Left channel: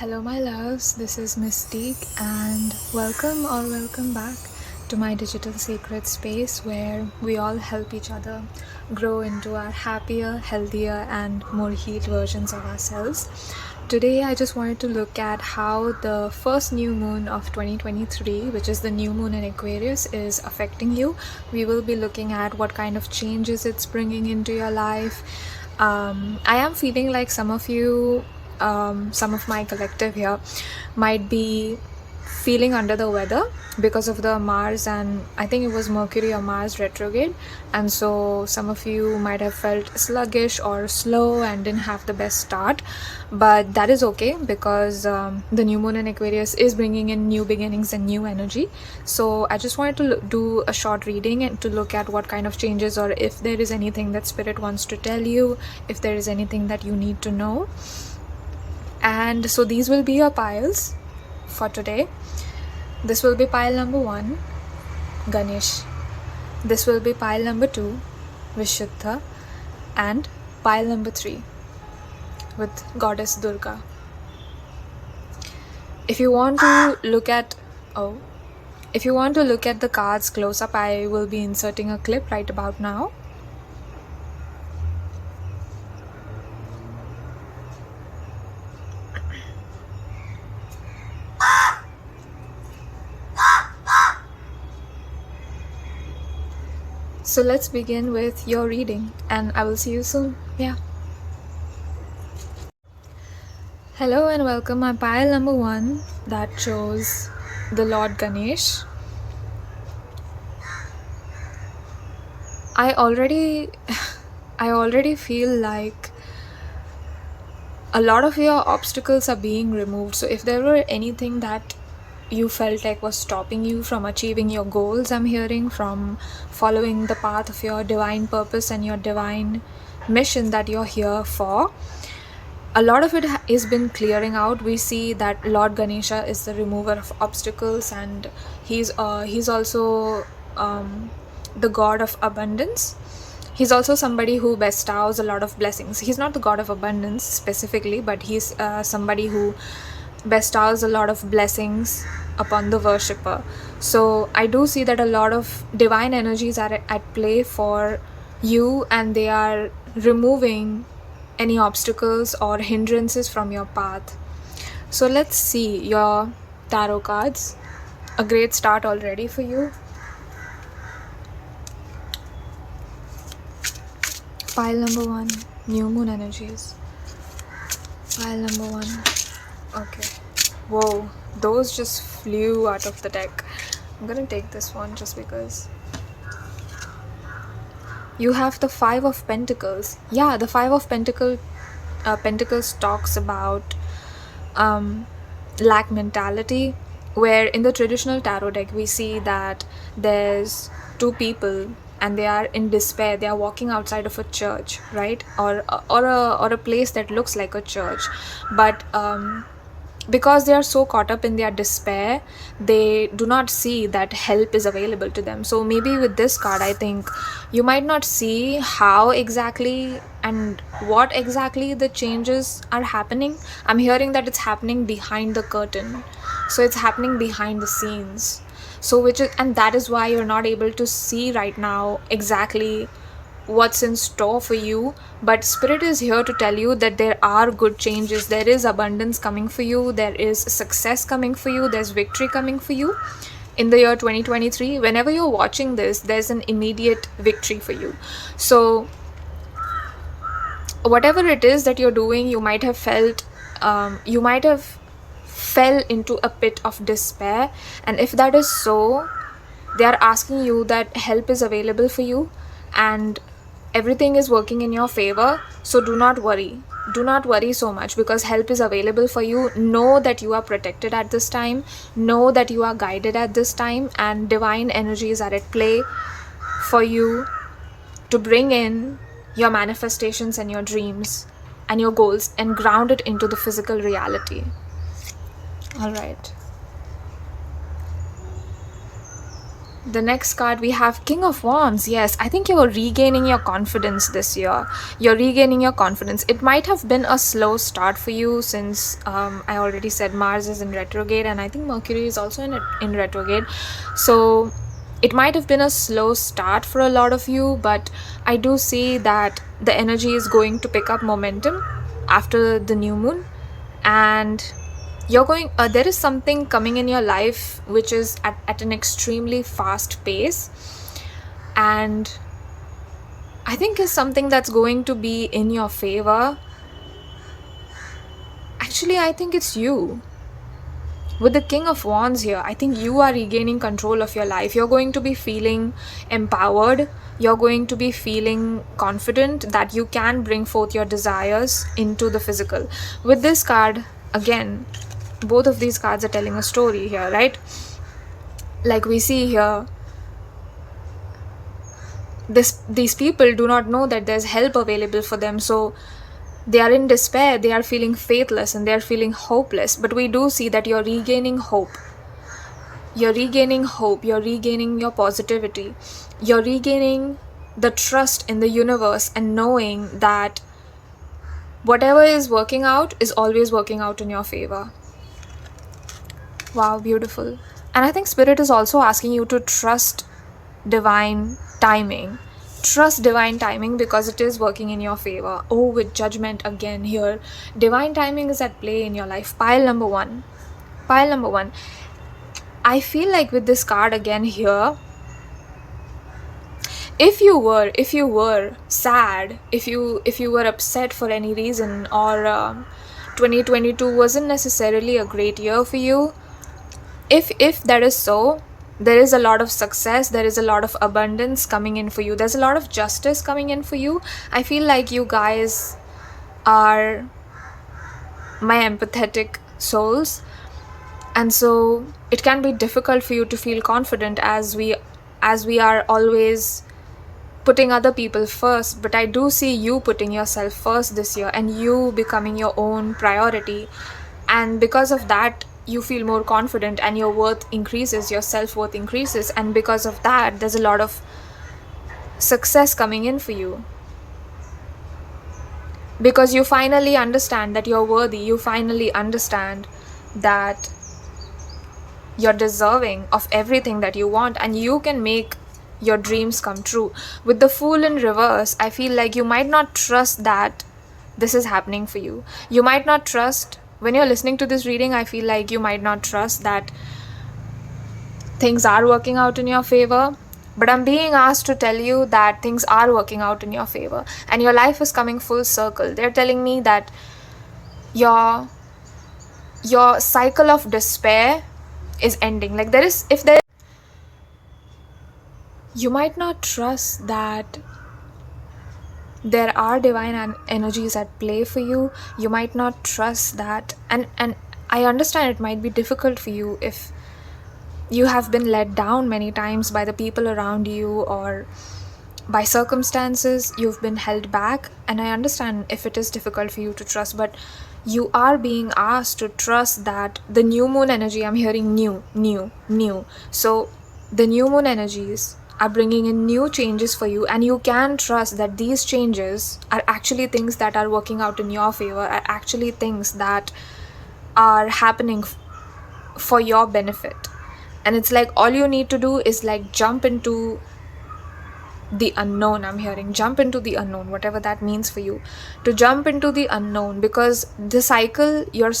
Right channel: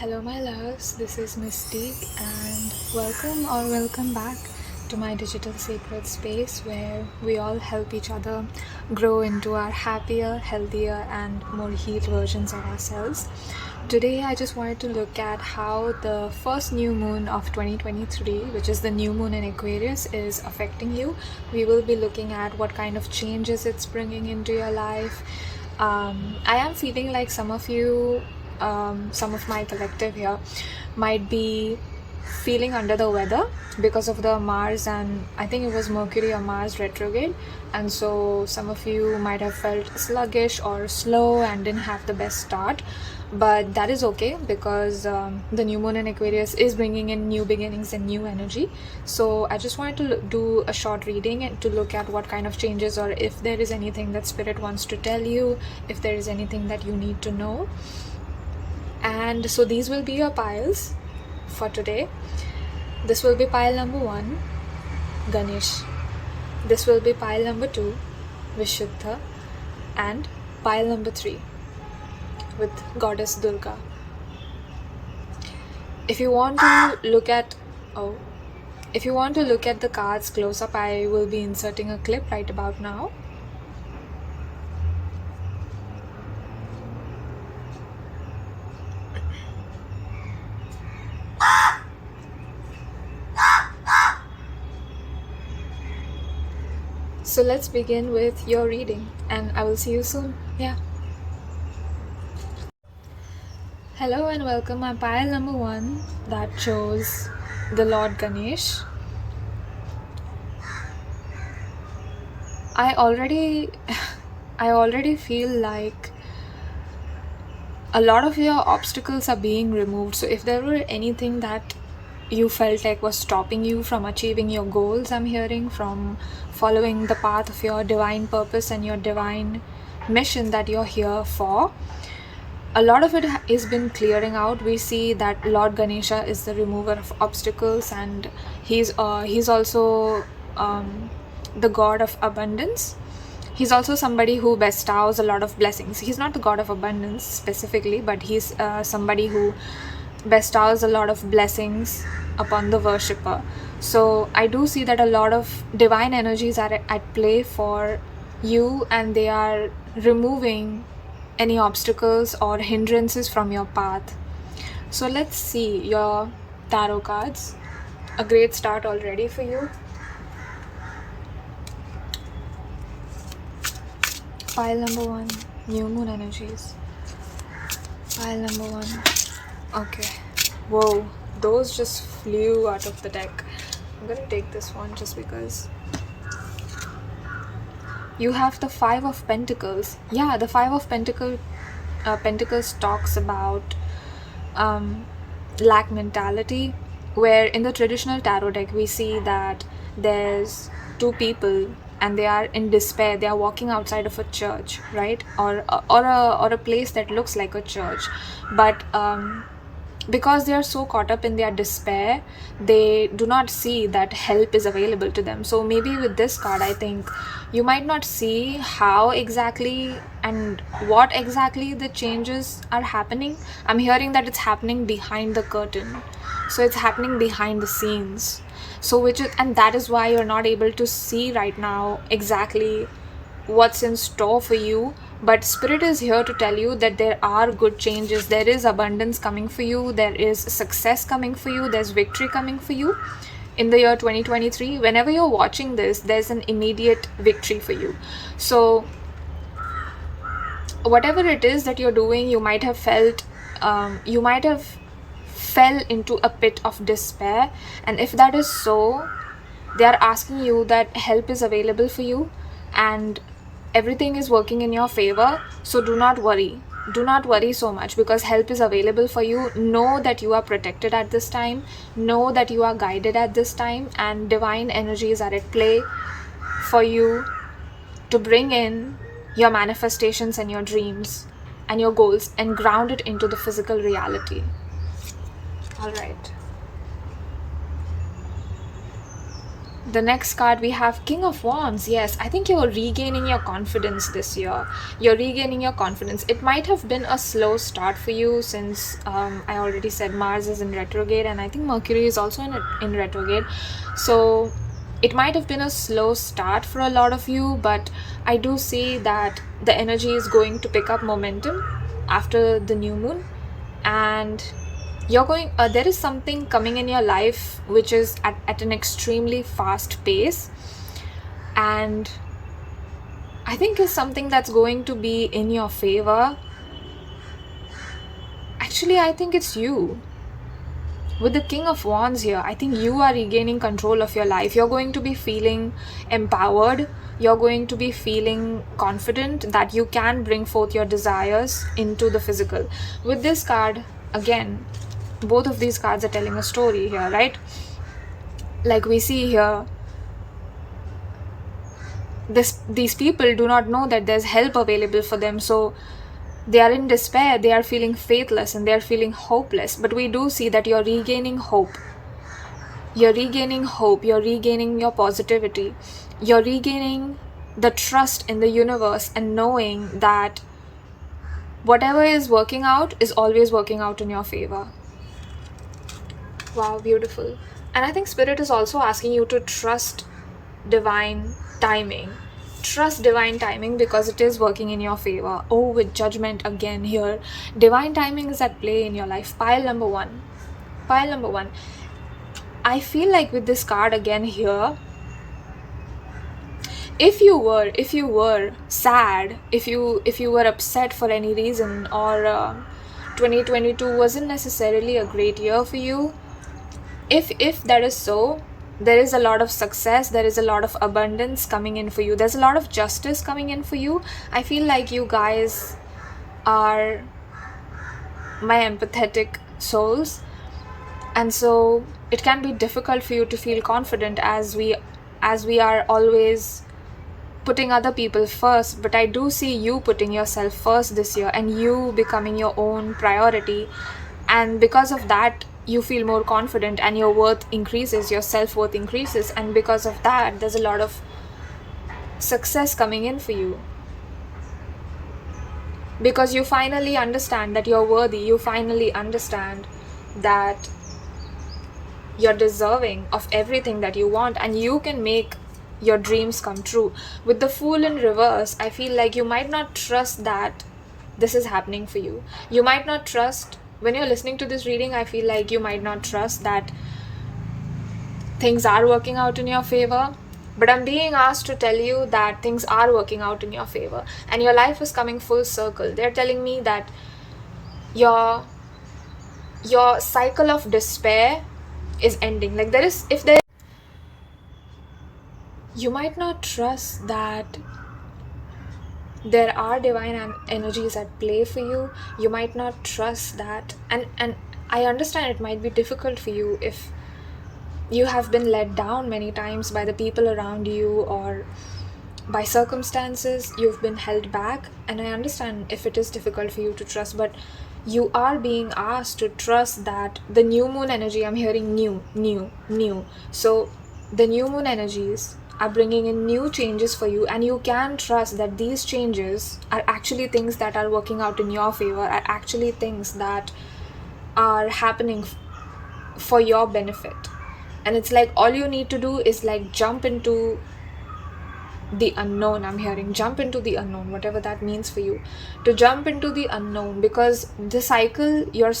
Hello my loves, this is Mystique and welcome back to my digital sacred space where we all help each other grow into our happier, healthier and more healed versions of ourselves. Today I just wanted to look at how the first new moon of 2023, which is the new moon in Aquarius, is affecting you. We will be looking at what kind of changes it's bringing into your life. I am feeling like some of you, some of my collective here might be feeling under the weather because of the Mars and I think it was Mercury or Mars retrograde, and so some of you might have felt sluggish or slow and didn't have the best start, but that is okay because the new moon in Aquarius is bringing in new beginnings and new energy. So I just wanted to do a short reading and to look at what kind of changes, or if there is anything that spirit wants to tell you, if there is anything that you need to know. And so these will be your piles for today. This will be pile number 1, Ganesh. This will be pile number 2, Vishuddha. And pile number 3 with Goddess Durga. If you want to look at the cards close up, I will be inserting a clip right about now. So let's begin with your reading and I will see you soon. Yeah. Hello and welcome. My pile number 1 that shows the Lord Ganesh. I already feel like a lot of your obstacles are being removed. So if there were anything that you felt like was stopping you from achieving your goals, I'm hearing, from following the path of your divine purpose and your divine mission that you're here for, a lot of it has been clearing out. We see that Lord Ganesha is the remover of obstacles, and he's also the god of abundance. He's also somebody who bestows a lot of blessings. He's not the god of abundance specifically, but he's somebody who bestows a lot of blessings upon the worshipper. So I do see that a lot of divine energies are at play for you, and they are removing any obstacles or hindrances from your path. So let's see your tarot cards. A great start already for you. Pile number 1, new moon energies. Pile number 1. Okay. Whoa, those just flew out of the deck. I'm gonna take this one just because. You have the 5 of Pentacles. Yeah, the 5 of Pentacles talks about lack mentality, where in the traditional tarot deck we see that there's 2 people and they are in despair. They are walking outside of a church, right? Or a place that looks like a church, but because they are so caught up in their despair, they do not see that help is available to them. So maybe with this card, I think you might not see how exactly and what exactly the changes are happening. I'm hearing that it's happening behind the curtain. So it's happening behind the scenes. So and that is why you're not able to see right now exactly what's in store for you, but spirit is here to tell you that there are good changes. There is abundance coming for you, there is success coming for you, there's victory coming for you in the year 2023. Whenever you're watching this, there's an immediate victory for you. So whatever it is that you're doing, you might have felt fell into a pit of despair, and if that is so, they are asking you that help is available for you and everything is working in your favor. So do not worry so much, because help is available for you. Know that you are protected at this time, know that you are guided at this time, and divine energies are at play for you to bring in your manifestations and your dreams and your goals and ground it into the physical reality. All right. The next card we have King of Wands. Yes, I think you're regaining your confidence this year. You're regaining your confidence. It might have been a slow start for you since I already said Mars is in retrograde, and I think Mercury is also in retrograde. So it might have been a slow start for a lot of you, but I do see that the energy is going to pick up momentum after the new moon, and you're going there is something coming in your life which is at an extremely fast pace, and I think is something that's going to be in your favor. Actually, I think it's you. With the King of Wands here, I think you are regaining control of your life. You're going to be feeling empowered. You're going to be feeling confident that you can bring forth your desires into the physical. With this card, again, both of these cards are telling a story here, right? Like we see here, these people do not know that there's help available for them, so they are in despair, they are feeling faithless, and they are feeling hopeless. But we do see that you're regaining hope. You're regaining hope, you're regaining your positivity, you're regaining the trust in the universe, and knowing that whatever is working out is always working out in your favor. Wow, beautiful. And I think Spirit is also asking you to trust divine timing. Trust divine timing because it is working in your favor. Oh, with Judgment again here. Divine timing is at play in your life. Pile number one. Pile number one. I feel like with this card again here, if you were sad, if you were upset for any reason, or 2022 wasn't necessarily a great year for you, if that is so, there is a lot of success, there is a lot of abundance coming in for you, there's a lot of justice coming in for you. I feel like you guys are my empathetic souls, and so it can be difficult for you to feel confident as we are always putting other people first. But I do see you putting yourself first this year, and you becoming your own priority, and because of that you feel more confident, and your worth increases, your self-worth increases, and because of that there's a lot of success coming in for you, because you finally understand that you're worthy, you finally understand that you're deserving of everything that you want, and you can make your dreams come true. With the Fool in reverse, I feel like you might not trust that this is happening for you. You might not trust, when you're listening to this reading, I feel like you might not trust that things are working out in your favor. But I'm being asked to tell you that things are working out in your favor, and your life is coming full circle. They're telling me that your cycle of despair is ending. Like you might not trust that there are divine energies at play for you. You might not trust that, and I understand it might be difficult for you if you have been let down many times by the people around you, or by circumstances you've been held back, and I understand if it is difficult for you to trust. But you are being asked to trust that the new moon energy, I'm hearing new, so the new moon energies are bringing in new changes for you, and you can trust that these changes are actually things that are working out in your favor, are actually things that are happening for your benefit. And it's like all you need to do is like jump into the unknown. I'm hearing jump into the unknown, whatever that means for you, to jump into the unknown, because the cycle here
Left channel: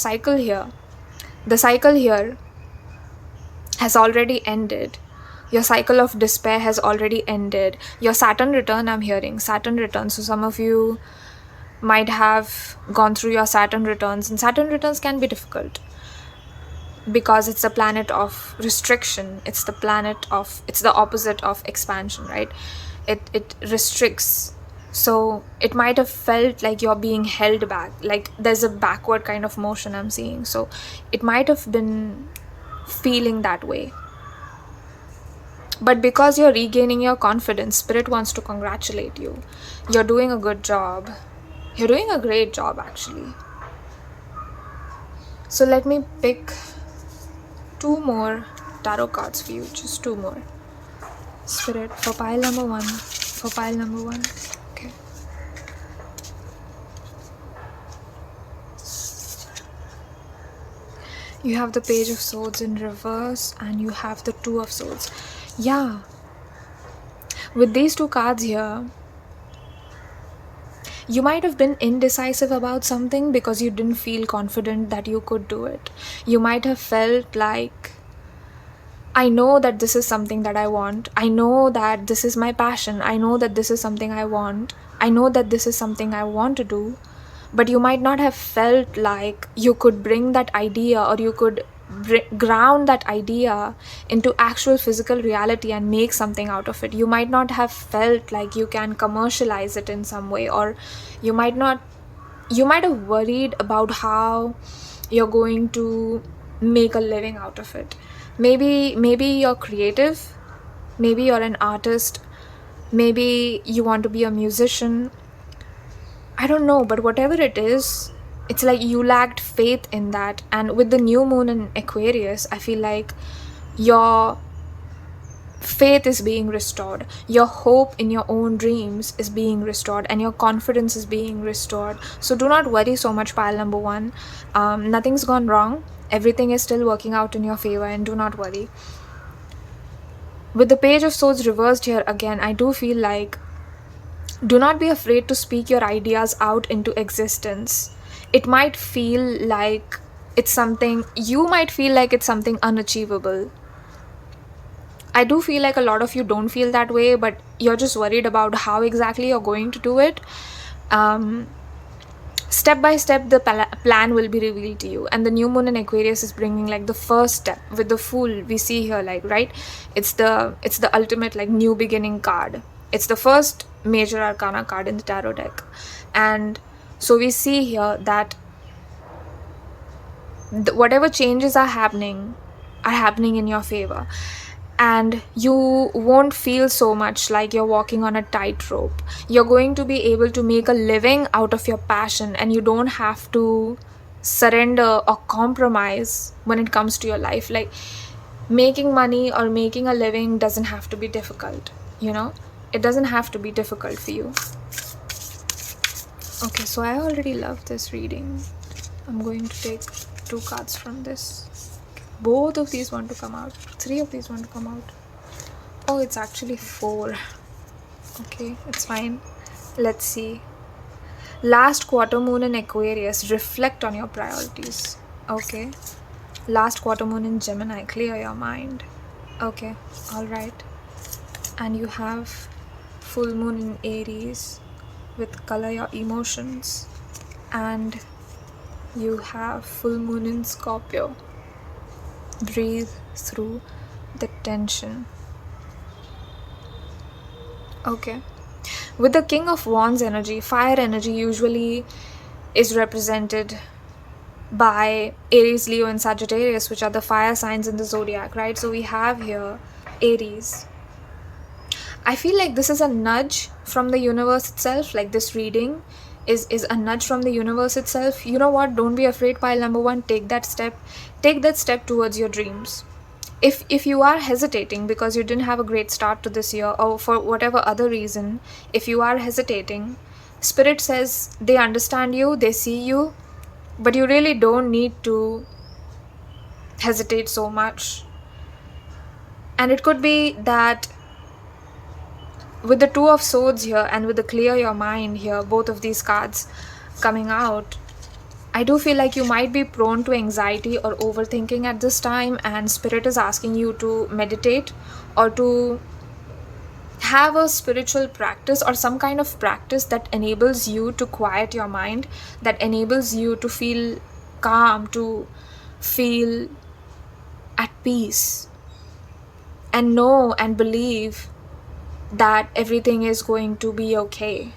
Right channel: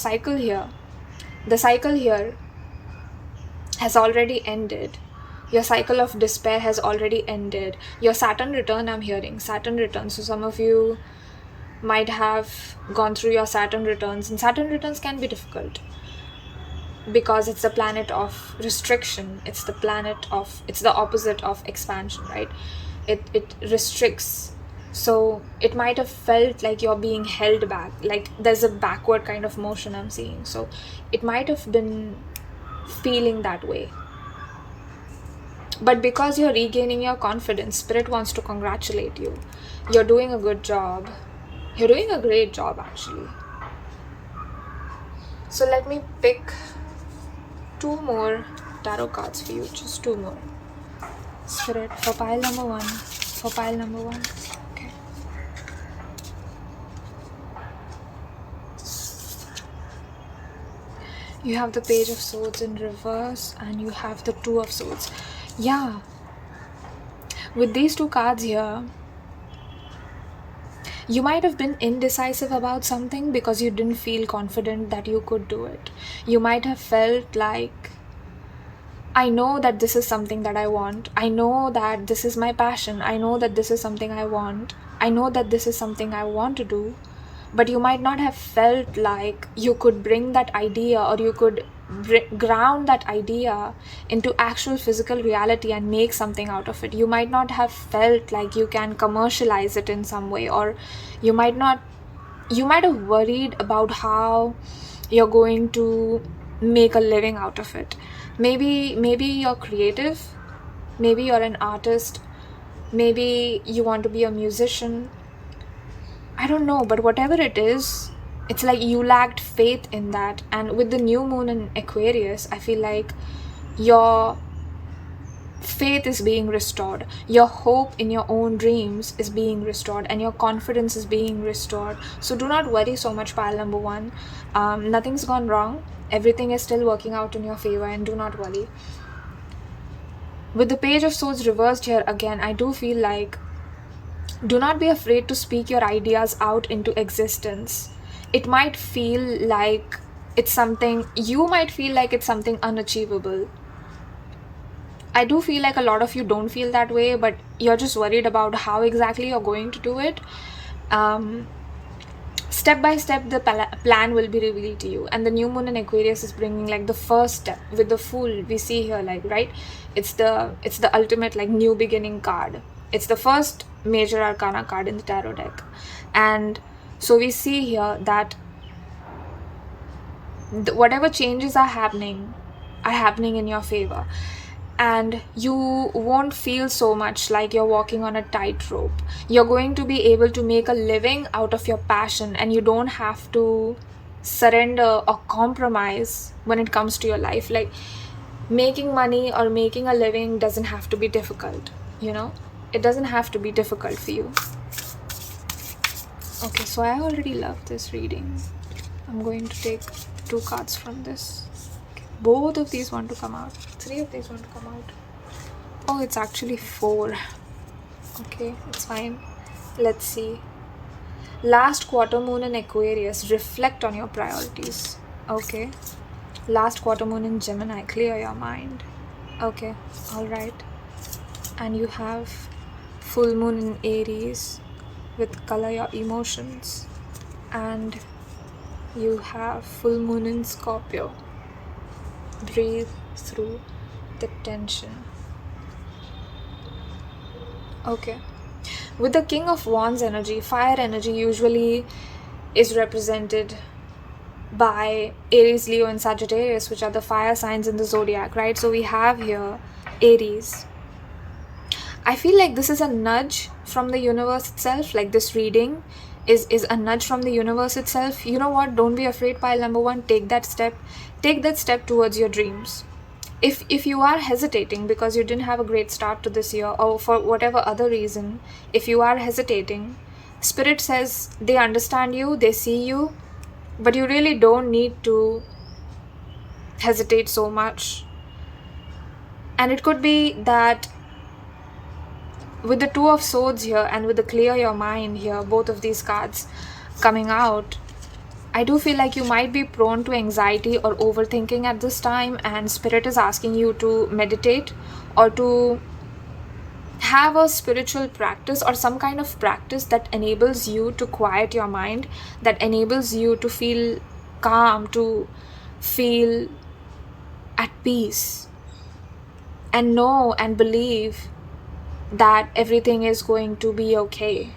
has already ended. Your cycle of despair has already ended. Your Saturn return, I'm hearing Saturn return. So some of you might have gone through your Saturn returns, and Saturn returns can be difficult because it's the planet of restriction. It's the opposite of expansion, right? It restricts. So it might have felt like you're being held back, like there's a backward kind of motion I'm seeing. So it might have been feeling that way. But because you're regaining your confidence, Spirit wants to congratulate you. You're doing a good job. You're doing a great job, actually. So let me pick 2 more tarot cards for you, just 2 more. Spirit, for pile number 1. For pile number 1. Okay. You have the Page of Swords in reverse and you have the Two of Swords. Yeah. With these two cards here, you might have been indecisive about something because you didn't feel confident that you could do it. You might have felt like, I know that this is something that I want. I know that this is my passion. I know that this is something I want. I know that this is something I want to do. But you might not have felt like you could bring that idea, or you could ground that idea into actual physical reality and make something out of it. You might not have felt like you can commercialize it in some way, or you might have worried about how you're going to make a living out of it. Maybe you're creative, maybe you're an artist, maybe you want to be a musician. I don't know, but whatever it is, it's like you lacked faith in that. And with the new moon in Aquarius, I feel like your faith is being restored. Your hope in your own dreams is being restored, and your confidence is being restored. So do not worry so much, pile number 1. Nothing's gone wrong. Everything is still working out in your favor, and do not worry. With the Page of Swords reversed here again, I do feel like, do not be afraid to speak your ideas out into existence. It might feel like it's something, you might feel like it's something unachievable. I do feel like a lot of you don't feel that way, but you're just worried about how exactly you're going to do it. Step by step, the plan will be revealed to you. And the new moon in Aquarius is bringing like the first step. With the Fool, we see here, like, right, it's the ultimate like new beginning card. It's the first major arcana card in the tarot deck. And so we see here that whatever changes are happening in your favor. And you won't feel so much like you're walking on a tightrope. You're going to be able to make a living out of your passion, and you don't have to surrender or compromise when it comes to your life. Like, making money or making a living doesn't have to be difficult, you know? It doesn't have to be difficult for you. Okay, so I already love this reading. I'm going to take 2 cards from this. Both of these want to come out. 3 of these want to come out. Oh, it's actually 4. Okay, it's fine. Let's see. Last quarter moon in Aquarius. Reflect on your priorities. Okay. Last quarter moon in Gemini. Clear your mind. Okay, alright. And you have full moon in Aries with color your emotions. And you have full moon in Scorpio. Breathe through the tension. Okay. With the King of Wands energy, fire energy usually is represented by Aries, Leo, and Sagittarius, which are the fire signs in the zodiac, right? So we have here Aries. I feel like this is a nudge from the universe itself. Like, this reading is a nudge from the universe itself. You know what? Don't be afraid, pile number 1. Take that step. Take that step towards your dreams. If you are hesitating because you didn't have a great start to this year, or for whatever other reason, if you are hesitating, Spirit says they understand you, they see you, but you really don't need to hesitate so much. And it could be that with the Two of Swords here and with the Clear Your Mind here, both of these cards coming out, I do feel like you might be prone to anxiety or overthinking at this time, and Spirit is asking you to meditate or to have a spiritual practice or some kind of practice that enables you to quiet your mind, that enables you to feel calm, to feel at peace, and know and believe that everything is going to be okay.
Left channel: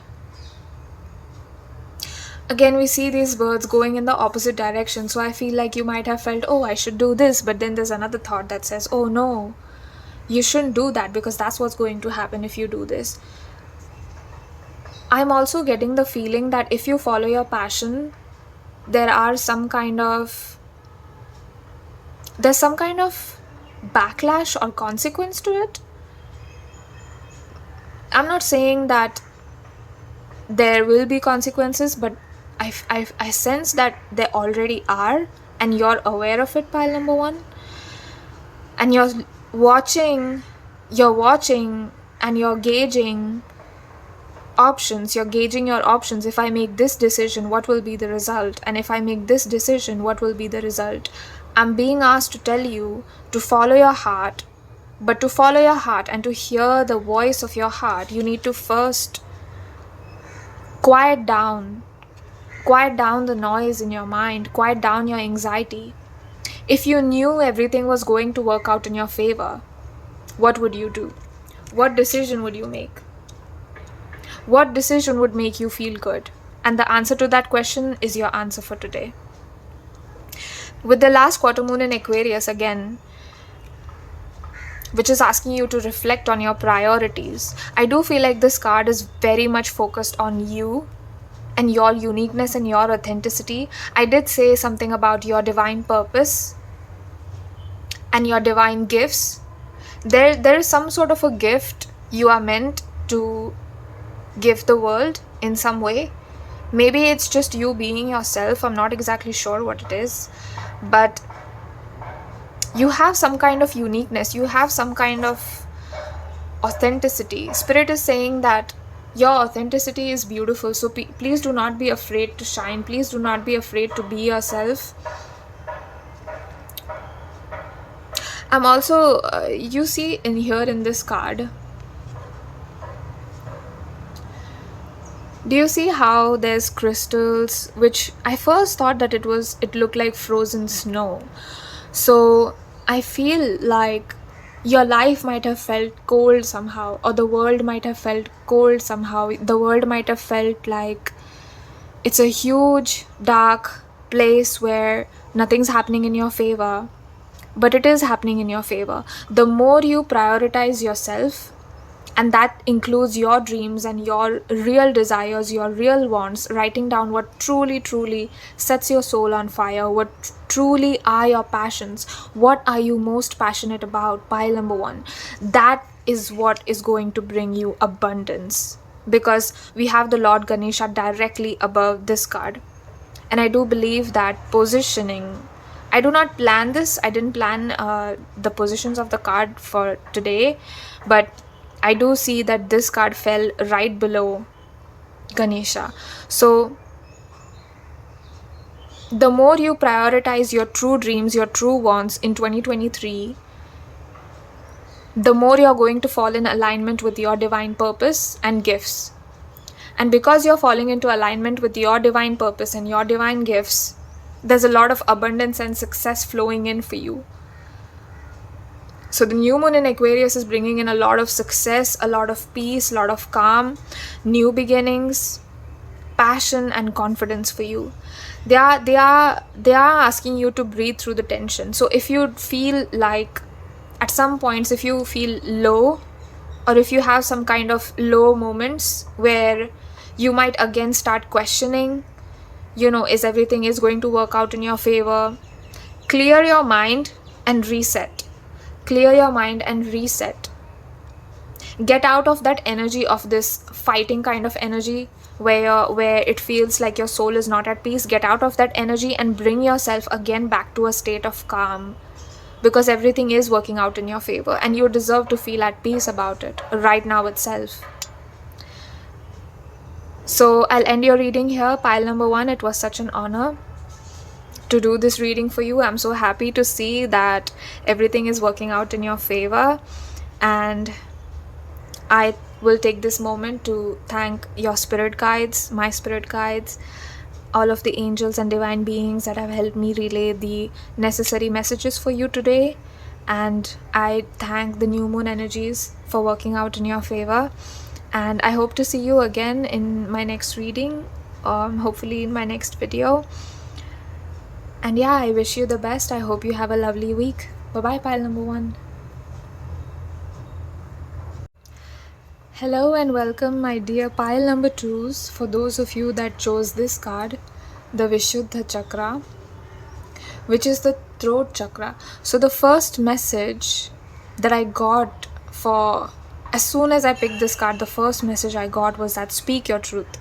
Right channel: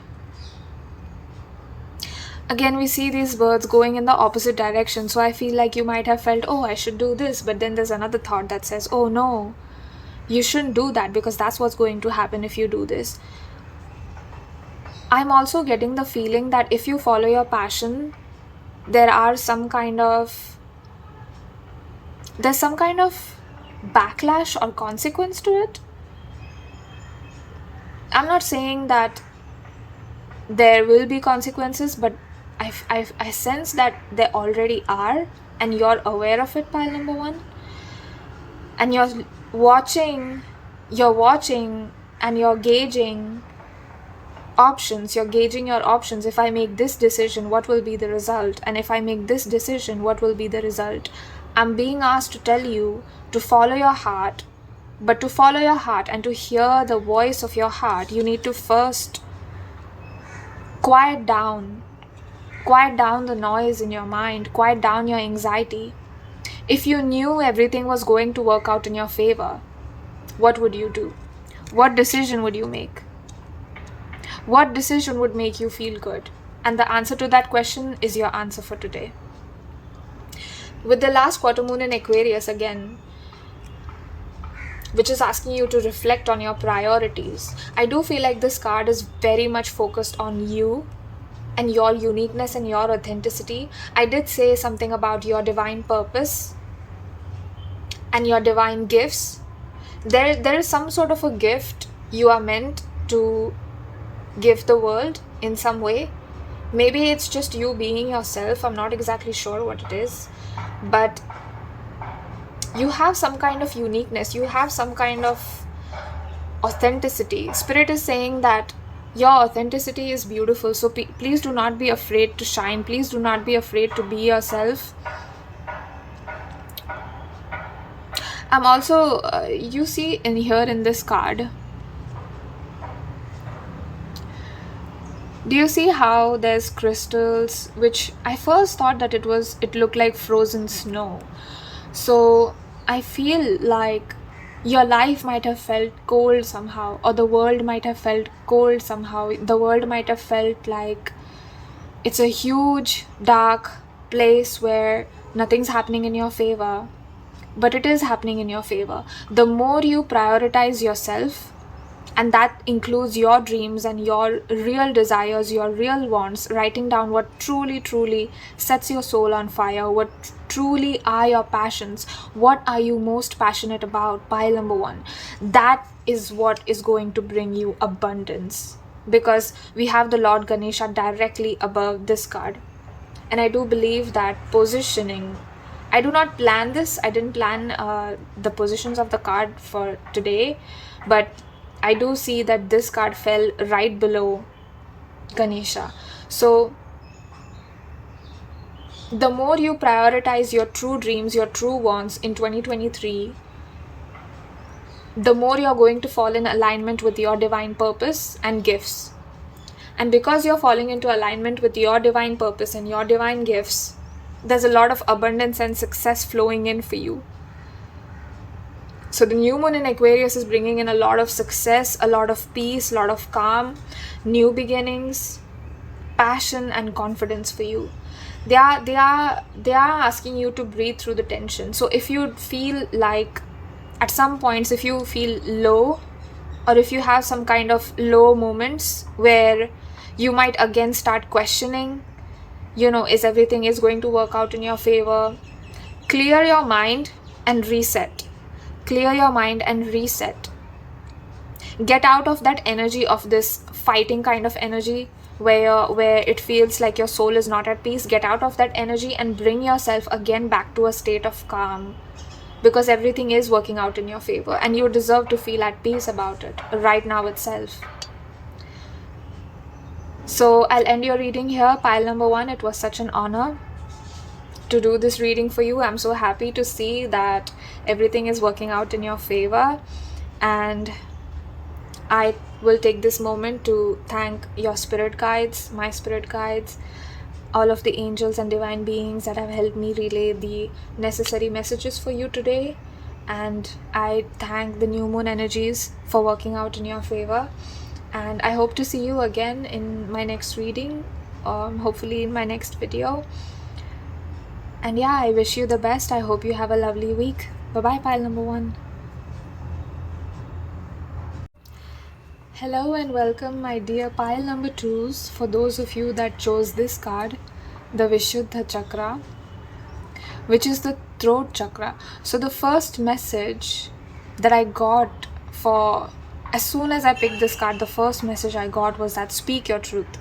Again, we see these birds going in the opposite direction. So I feel like you might have felt, oh, I should do this. But then there's another thought that says, oh, no, you shouldn't do that, because that's what's going to happen if you do this. I'm also getting the feeling that if you follow your passion, there's some kind of backlash or consequence to it. I'm not saying that there will be consequences, but I sense that there already are, and you're aware of it, pile number one. And you're watching and you're gauging options. You're gauging your options. If I make this decision, what will be the result? And if I make this decision, what will be the result? I'm being asked to tell you to follow your heart. But to follow your heart and to hear the voice of your heart, you need to first quiet down the noise in your mind, quiet down your anxiety. If you knew everything was going to work out in your favor, what would you do? What decision would you make? What decision would make you feel good? And the answer to that question is your answer for today. With the last quarter moon in Aquarius again, which is asking you to reflect on your priorities, I do feel like this card is very much focused on you and your uniqueness and your authenticity. I did say something about your divine purpose and your divine gifts. There is some sort of a gift you are meant to give the world in some way. Maybe it's just you being yourself. I'm not exactly sure what it is, but you have some kind of uniqueness. You have some kind of authenticity. Spirit is saying that your authenticity is beautiful. So please do not be afraid to shine. Please do not be afraid to be yourself. I'm also, you see in here in this card, do you see how there's crystals, which I first thought that it looked like frozen snow. So I feel like your life might have felt cold somehow, or the world might have felt cold somehow. The world might have felt like it's a huge, dark place where nothing's happening in your favor. But it is happening in your favor. The more you prioritize yourself, and that includes your dreams and your real desires, your real wants, writing down what truly, truly sets your soul on fire, what truly are your passions, what are you most passionate about, pile number one. That is what is going to bring you abundance, because we have the Lord Ganesha directly above this card. And I do believe that positioning, I do not plan this, I didn't plan the positions of the card for today, but I do see that this card fell right below Ganesha. So the more you prioritize your true dreams, your true wants in 2023, the more you're going to fall in alignment with your divine purpose and gifts. And because you're falling into alignment with your divine purpose and your divine gifts, there's a lot of abundance and success flowing in for you. So the new moon in Aquarius is bringing in a lot of success, a lot of peace, a lot of calm, new beginnings, passion and confidence for you. They are asking you to breathe through the tension. So if you feel like at some points, if you feel low, or if you have some kind of low moments where you might again start questioning, is everything is going to work out in your favor, clear your mind and reset. Clear your mind and reset. Get out of that energy of this fighting kind of energy where it feels like your soul is not at peace. Get out of that energy and bring yourself again back to a state of calm, because everything is working out in your favor and you deserve to feel at peace about it right now itself. So I'll end your reading here, pile number one. It was such an honor to do this reading for you. I'm so happy to see that everything is working out in your favor, and I will take this moment to thank your spirit guides, my spirit guides, all of the angels and divine beings that have helped me relay the necessary messages for you today. And I thank the new moon energies for working out in your favor, and I hope to see you again in my next reading, hopefully in my next video. And yeah, I wish you the best. I hope you have a lovely week. Bye-bye, pile number one. Hello and welcome, my dear pile number twos. For those of you that chose this card, the Vishuddha Chakra, which is the throat chakra. So the first message that I got for As soon as I picked this card, the first message I got was that speak your truth.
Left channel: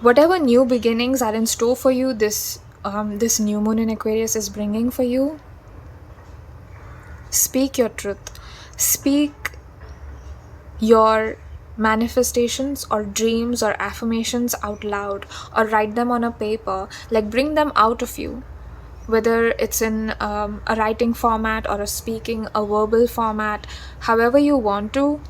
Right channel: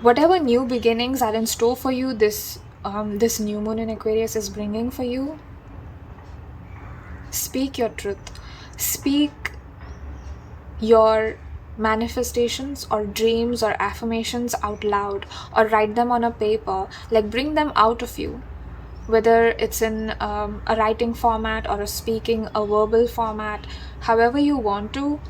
Whatever new beginnings are in store for you, this new moon in Aquarius is bringing for you, speak your truth. Speak your manifestations or dreams or affirmations out loud, or write them on a paper. Like, bring them out of you, whether it's in a writing format or a speaking, a verbal format, however you want to.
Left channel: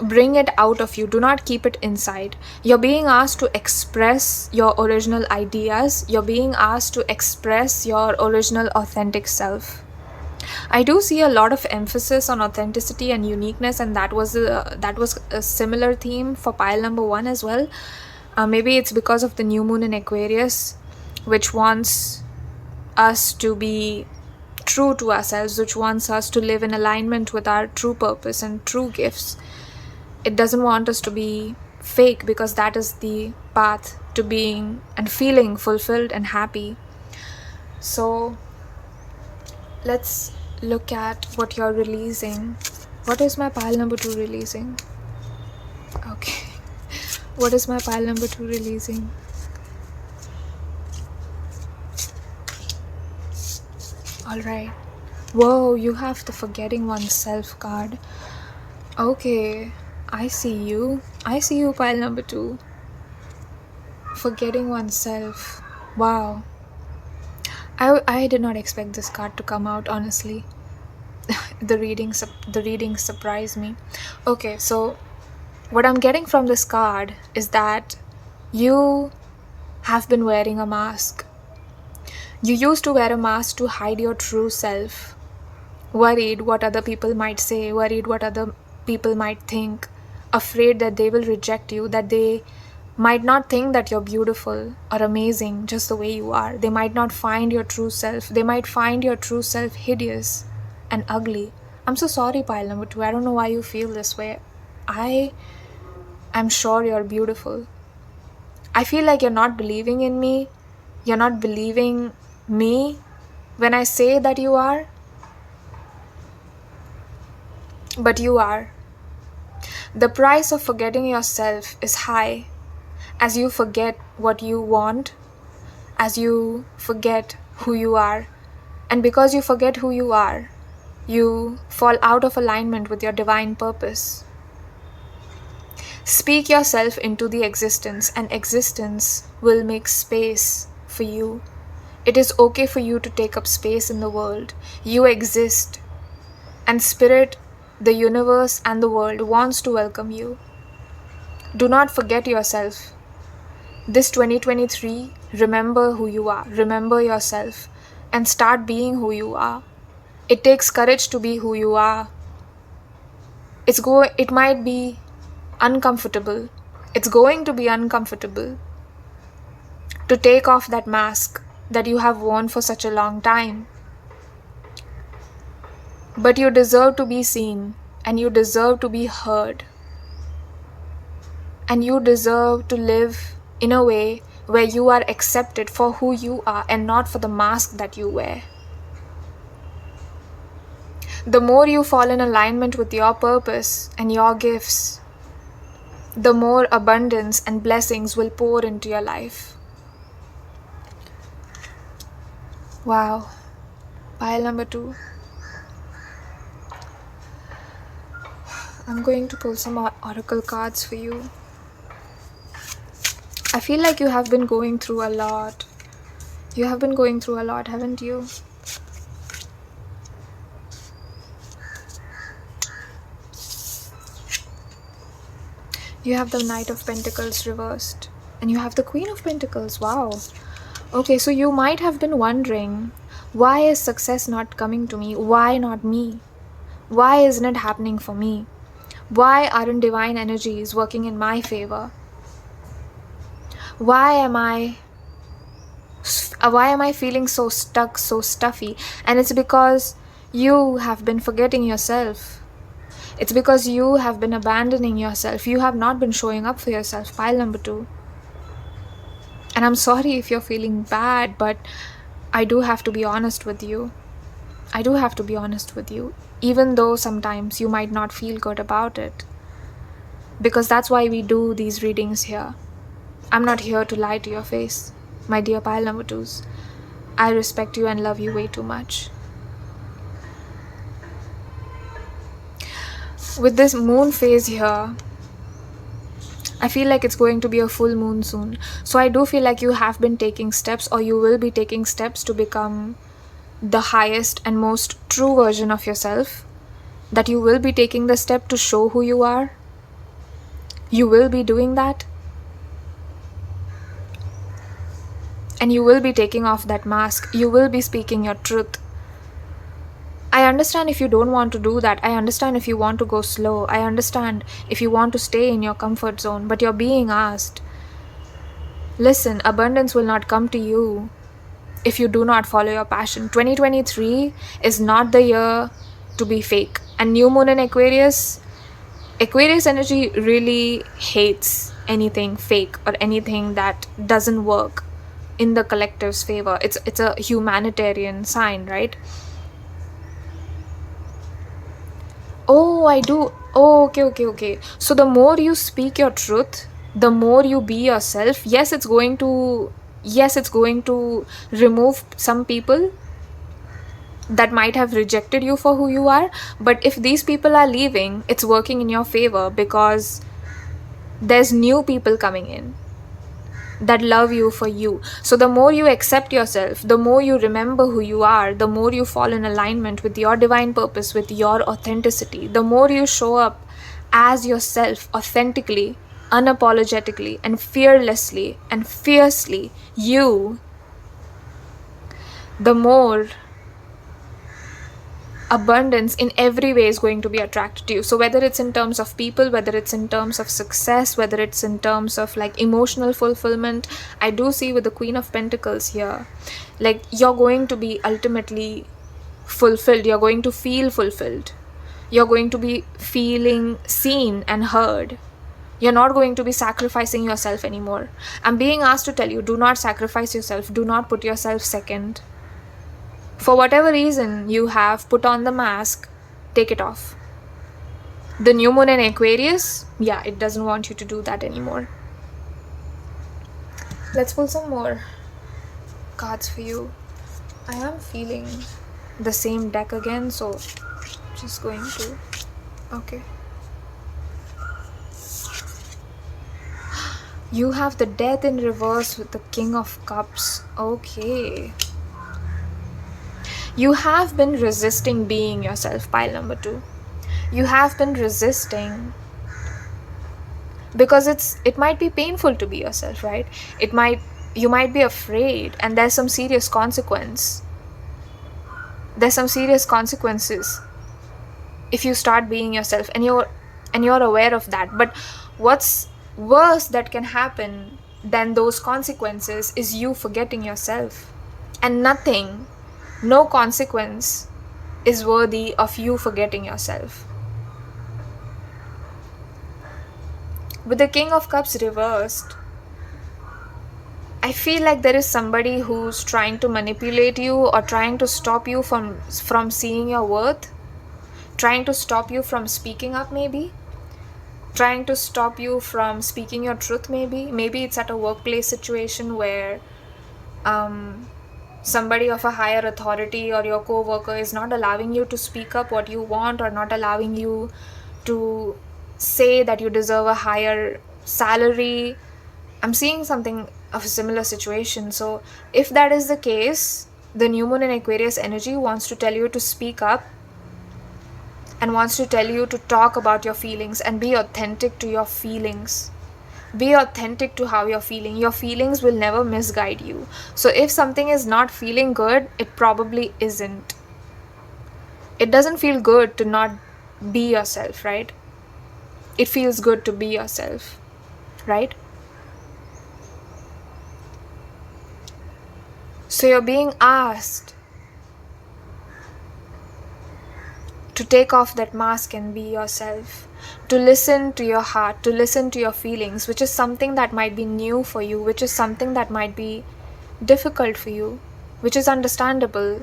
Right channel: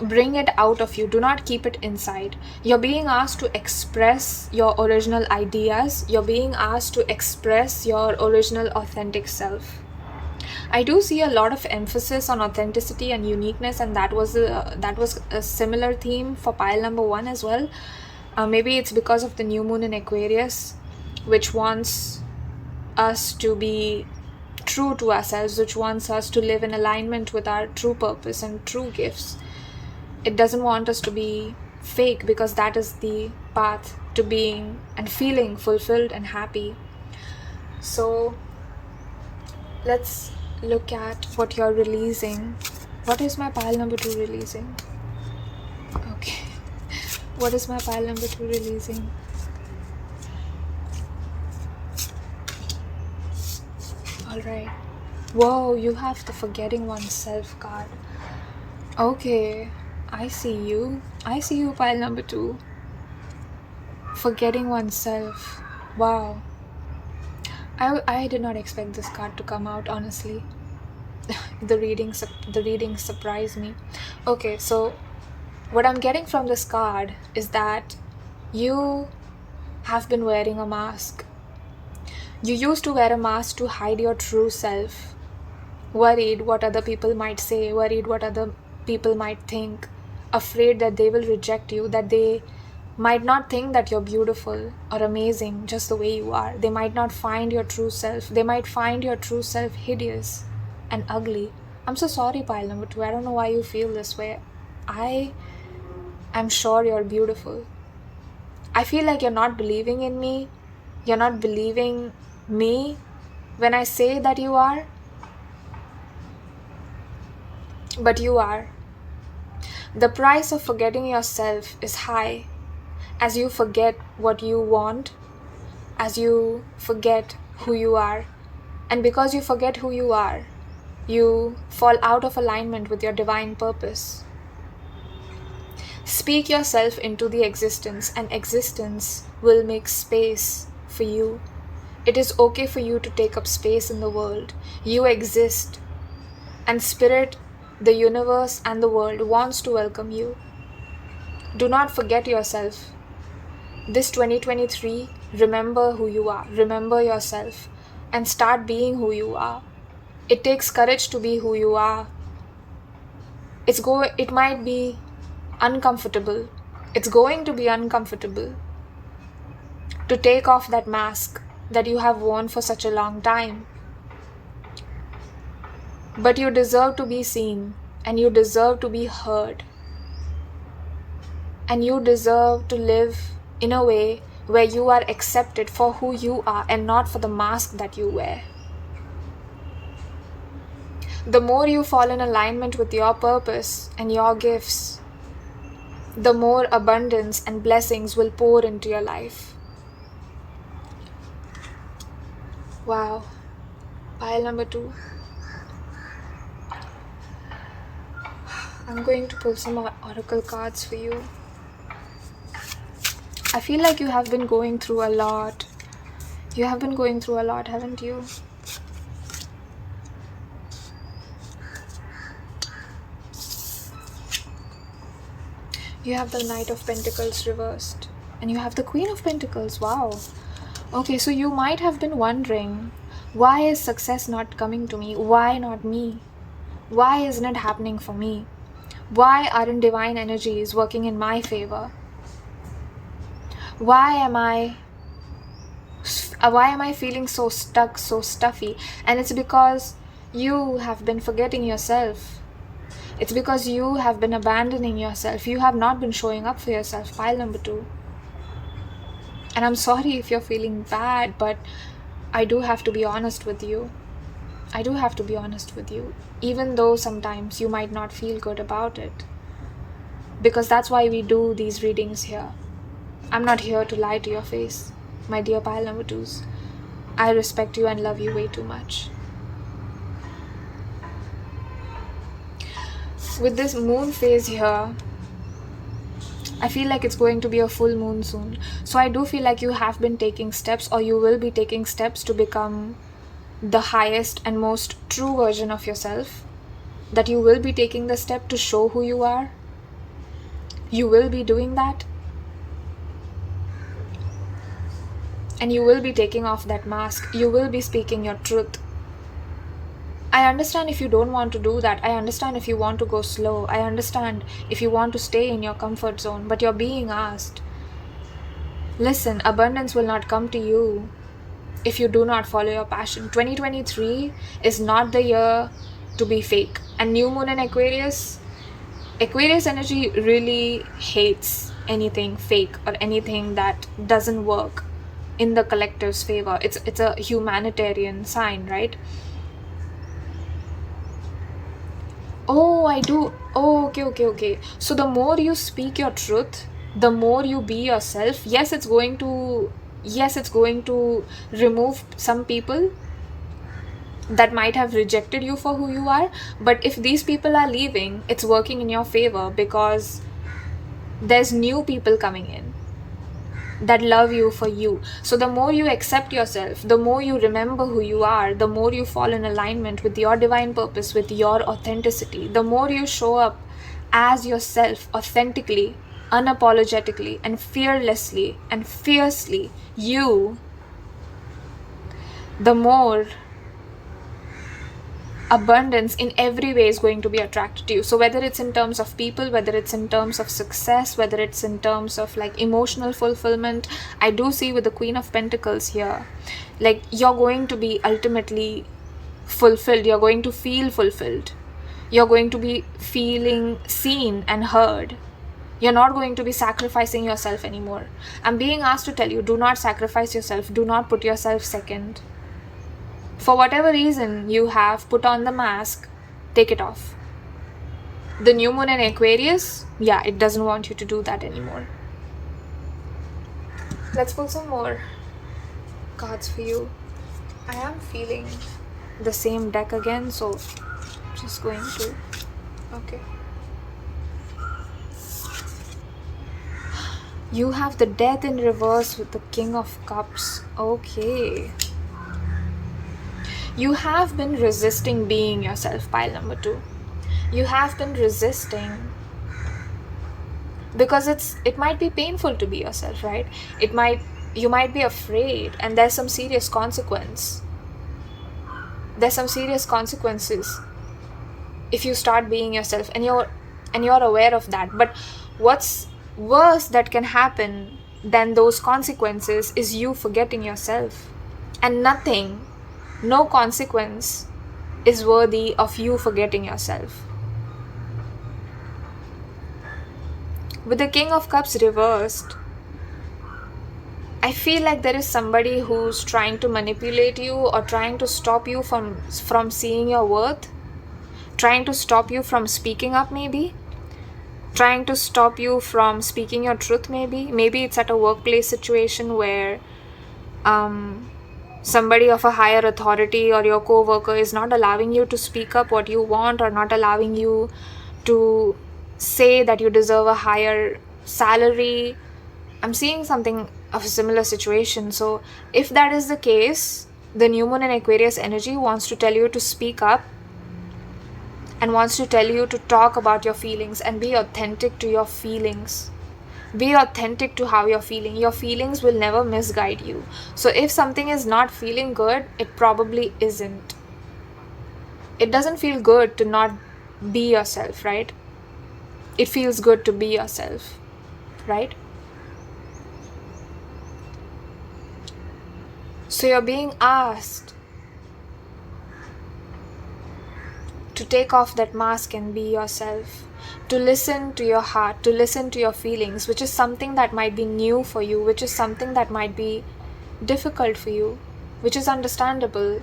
Bring it out of you. Do not keep it inside. You're being asked to express your original ideas. You're being asked to express your original authentic self. I do see a lot of emphasis on authenticity and uniqueness, and that was a similar theme for pile number 1 as well. Maybe it's because of the new moon in Aquarius, which wants us to be true to ourselves, which wants us to live in alignment with our true purpose and true gifts. It doesn't want us to be fake, because that is the path to being and feeling fulfilled and happy. So let's look at what you're releasing. What is my pile number 2 releasing? Okay. What is my pile number 2 releasing? Alright. Whoa, you have the forgetting oneself card. Okay. I see you, pile number 2. Forgetting oneself. Wow. I did not expect this card to come out, honestly. The reading surprised me. Okay, so what I'm getting from this card is that you have been wearing a mask. You used to wear a mask to hide your true self. Worried what other people might say, worried what other people might think, afraid that they will reject you, that they might not think that you're beautiful or amazing just the way you are. They might not find your true self. They might find your true self hideous and ugly. I'm so sorry, pile number 2. I don't know why you feel this way. I'm sure you're beautiful. I feel like you're not believing in me. You're not believing me when I say that you are. But you are. The price of forgetting yourself is high, as you forget what you want, as you forget who you are. And because you forget who you are, you fall out of alignment with your divine purpose. Speak yourself into the existence, and existence will make space for you. It is okay for you to take up space in the world. You exist, and spirit, the universe, and the world wants to welcome you. Do not forget yourself. This 2023, remember who you are. Remember yourself and start being who you are. It takes courage to be who you are. It might be uncomfortable. It's going to be uncomfortable to take off that mask that you have worn for such a long time. But you deserve to be seen, and you deserve to be heard. And you deserve to live in a way where you are accepted for who you are and not for the mask that you wear. The more you fall in alignment with your purpose and your gifts, the more abundance and blessings will pour into your life. Wow. Pile number 2. I'm going to pull some oracle cards for you. I feel like you have been going through a lot. You have been going through a lot, haven't you? You have the Knight of Pentacles reversed. And you have the Queen of Pentacles. Wow. Okay, so you might have been wondering, why is success not coming to me? Why not me? Why isn't it happening for me? Why aren't divine energies working in my favor? Why am I feeling so stuck, so stuffy? And it's because you have been forgetting yourself. It's because you have been abandoning yourself. You have not been showing up for yourself. Pile number 2. And I'm sorry if you're feeling bad, but I do have to be honest with you. I do have to be honest with you, even though sometimes you might not feel good about it. Because that's why we do these readings here. I'm not here to lie to your face, my dear pile number 2s. I respect you and love you way too much. With this moon phase here, I feel like it's going to be a full moon soon. So I do feel like you have been taking steps, or you will be taking steps to become the highest and most true version of yourself. That you will be taking the step to show who you are. You will be doing that. And you will be taking off that mask. You will be speaking your truth. I understand if you don't want to do that. I understand if you want to go slow. I understand if you want to stay in your comfort zone. But you're being asked. Listen, abundance will not come to you if you do not follow your passion. 2023 is not the year to be fake. And new moon in Aquarius energy really hates anything fake or anything that doesn't work in the collective's favor. It's a humanitarian sign, right? Oh, I do. Oh, okay. So the more you speak your truth, the more you be yourself. Yes, it's going to remove some people that might have rejected you for who you are. But if these people are leaving, it's working in your favor, because there's new people coming in that love you for you. So the more you accept yourself, the more you remember who you are, the more you fall in alignment with your divine purpose, with your authenticity, the more you show up as yourself, authentically, unapologetically, and fearlessly and fiercely you, the more abundance in every way is going to be attracted to you. So whether it's in terms of people, whether it's in terms of success, whether it's in terms of like emotional fulfillment, I do see with the Queen of Pentacles here, like you're going to be ultimately fulfilled. You're going to feel fulfilled. You're going to be feeling seen and heard. You're not going to be sacrificing yourself anymore. I'm being asked to tell you, do not sacrifice yourself. Do not put yourself second. For whatever reason you have put on the mask, take it off. The new moon in Aquarius, yeah, it doesn't want you to do that anymore. Let's pull some more cards for you. I am feeling the same deck again, so just going to... Okay. You have the Death in reverse with the King of Cups. Okay. You have been resisting being yourself, pile number 2. You have been resisting because it might be painful to be yourself, right? You might be afraid, and there's some serious consequence. There's some serious consequences if you start being yourself, and you're aware of that. But what's worse that can happen than those consequences is you forgetting yourself. And no consequence is worthy of you forgetting yourself. With the King of Cups reversed, I feel like there is somebody who's trying to manipulate you or trying to stop you from seeing your worth, trying to stop you from speaking up, maybe trying to stop you from speaking your truth. Maybe it's at a workplace situation where somebody of a higher authority or your co-worker is not allowing you to speak up what you want, or not allowing you to say that you deserve a higher salary. I'm seeing something of a similar situation. So if that is the case, the new moon in Aquarius energy wants to tell you to speak up and wants to tell you to talk about your feelings and be authentic to your feelings. Be authentic to how you're feeling. Your feelings will never misguide you. So if something is not feeling good, it probably isn't. It doesn't feel good to not be yourself, right? It feels good to be yourself, right? So you're being asked to take off that mask and be yourself, to listen to your heart, to listen to your feelings, which is something that might be new for you, which is something that might be difficult for you, which is understandable.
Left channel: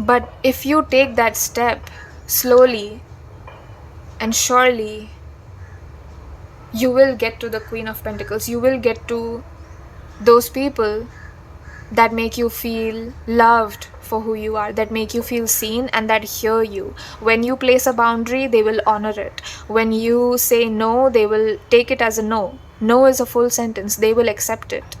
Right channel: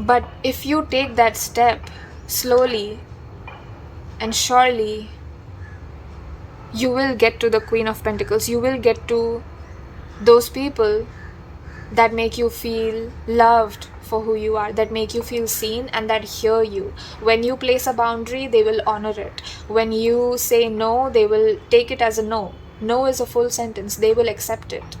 But if you take that step slowly and surely, you will get to the Queen of Pentacles. You will get to those people that make you feel loved for who you are, that make you feel seen, and that hear you. When you place a boundary, they will honor it. When you say no, they will take it as a no. No is a full sentence. They will accept it.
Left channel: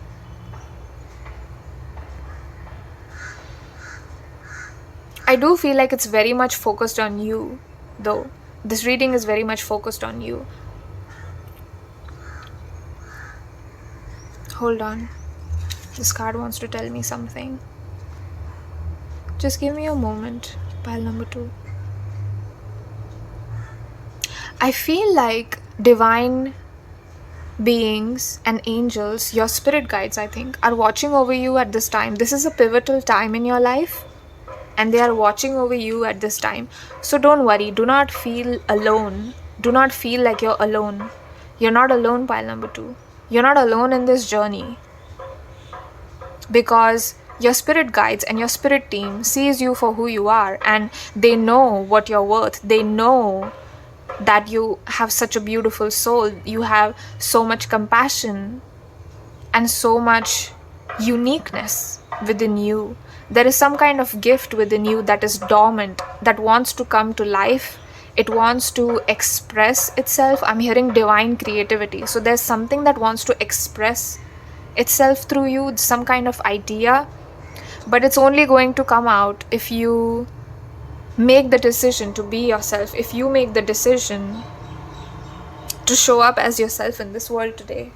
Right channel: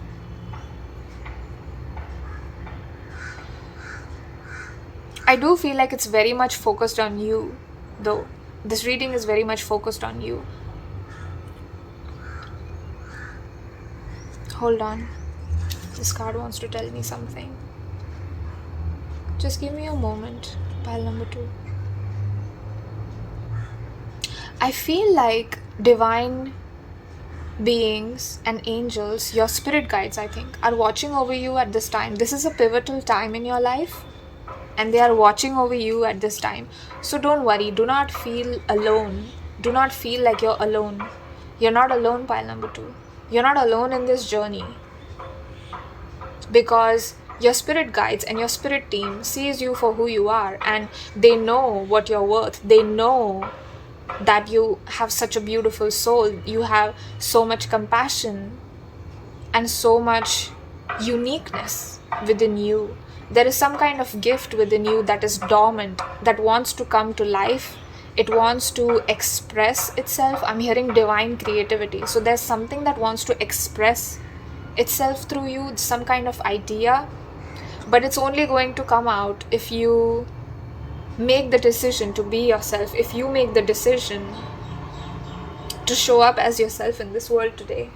I do feel like it's very much focused on you, though. This reading is very much focused on you. Hold on. This card wants to tell me something. Just give me a moment. Pile number 2. I feel like divine beings and angels, your spirit guides, I think, are watching over you at this time. This is a pivotal time in your life, and they are watching over you at this time. So don't worry. Do not feel alone. Do not feel like you're alone. You're not alone, pile number 2. You're not alone in this journey, because your spirit guides and your spirit team sees you for who you are, and they know what you're worth. They know that you have such a beautiful soul. You have so much compassion and so much uniqueness within you. There is some kind of gift within you that is dormant, that wants to come to life. It wants to express itself. I'm hearing divine creativity. So there's something that wants to express itself through you, some kind of idea, but it's only going to come out if you make the decision to be yourself, if you make the decision to show up as yourself in this world today.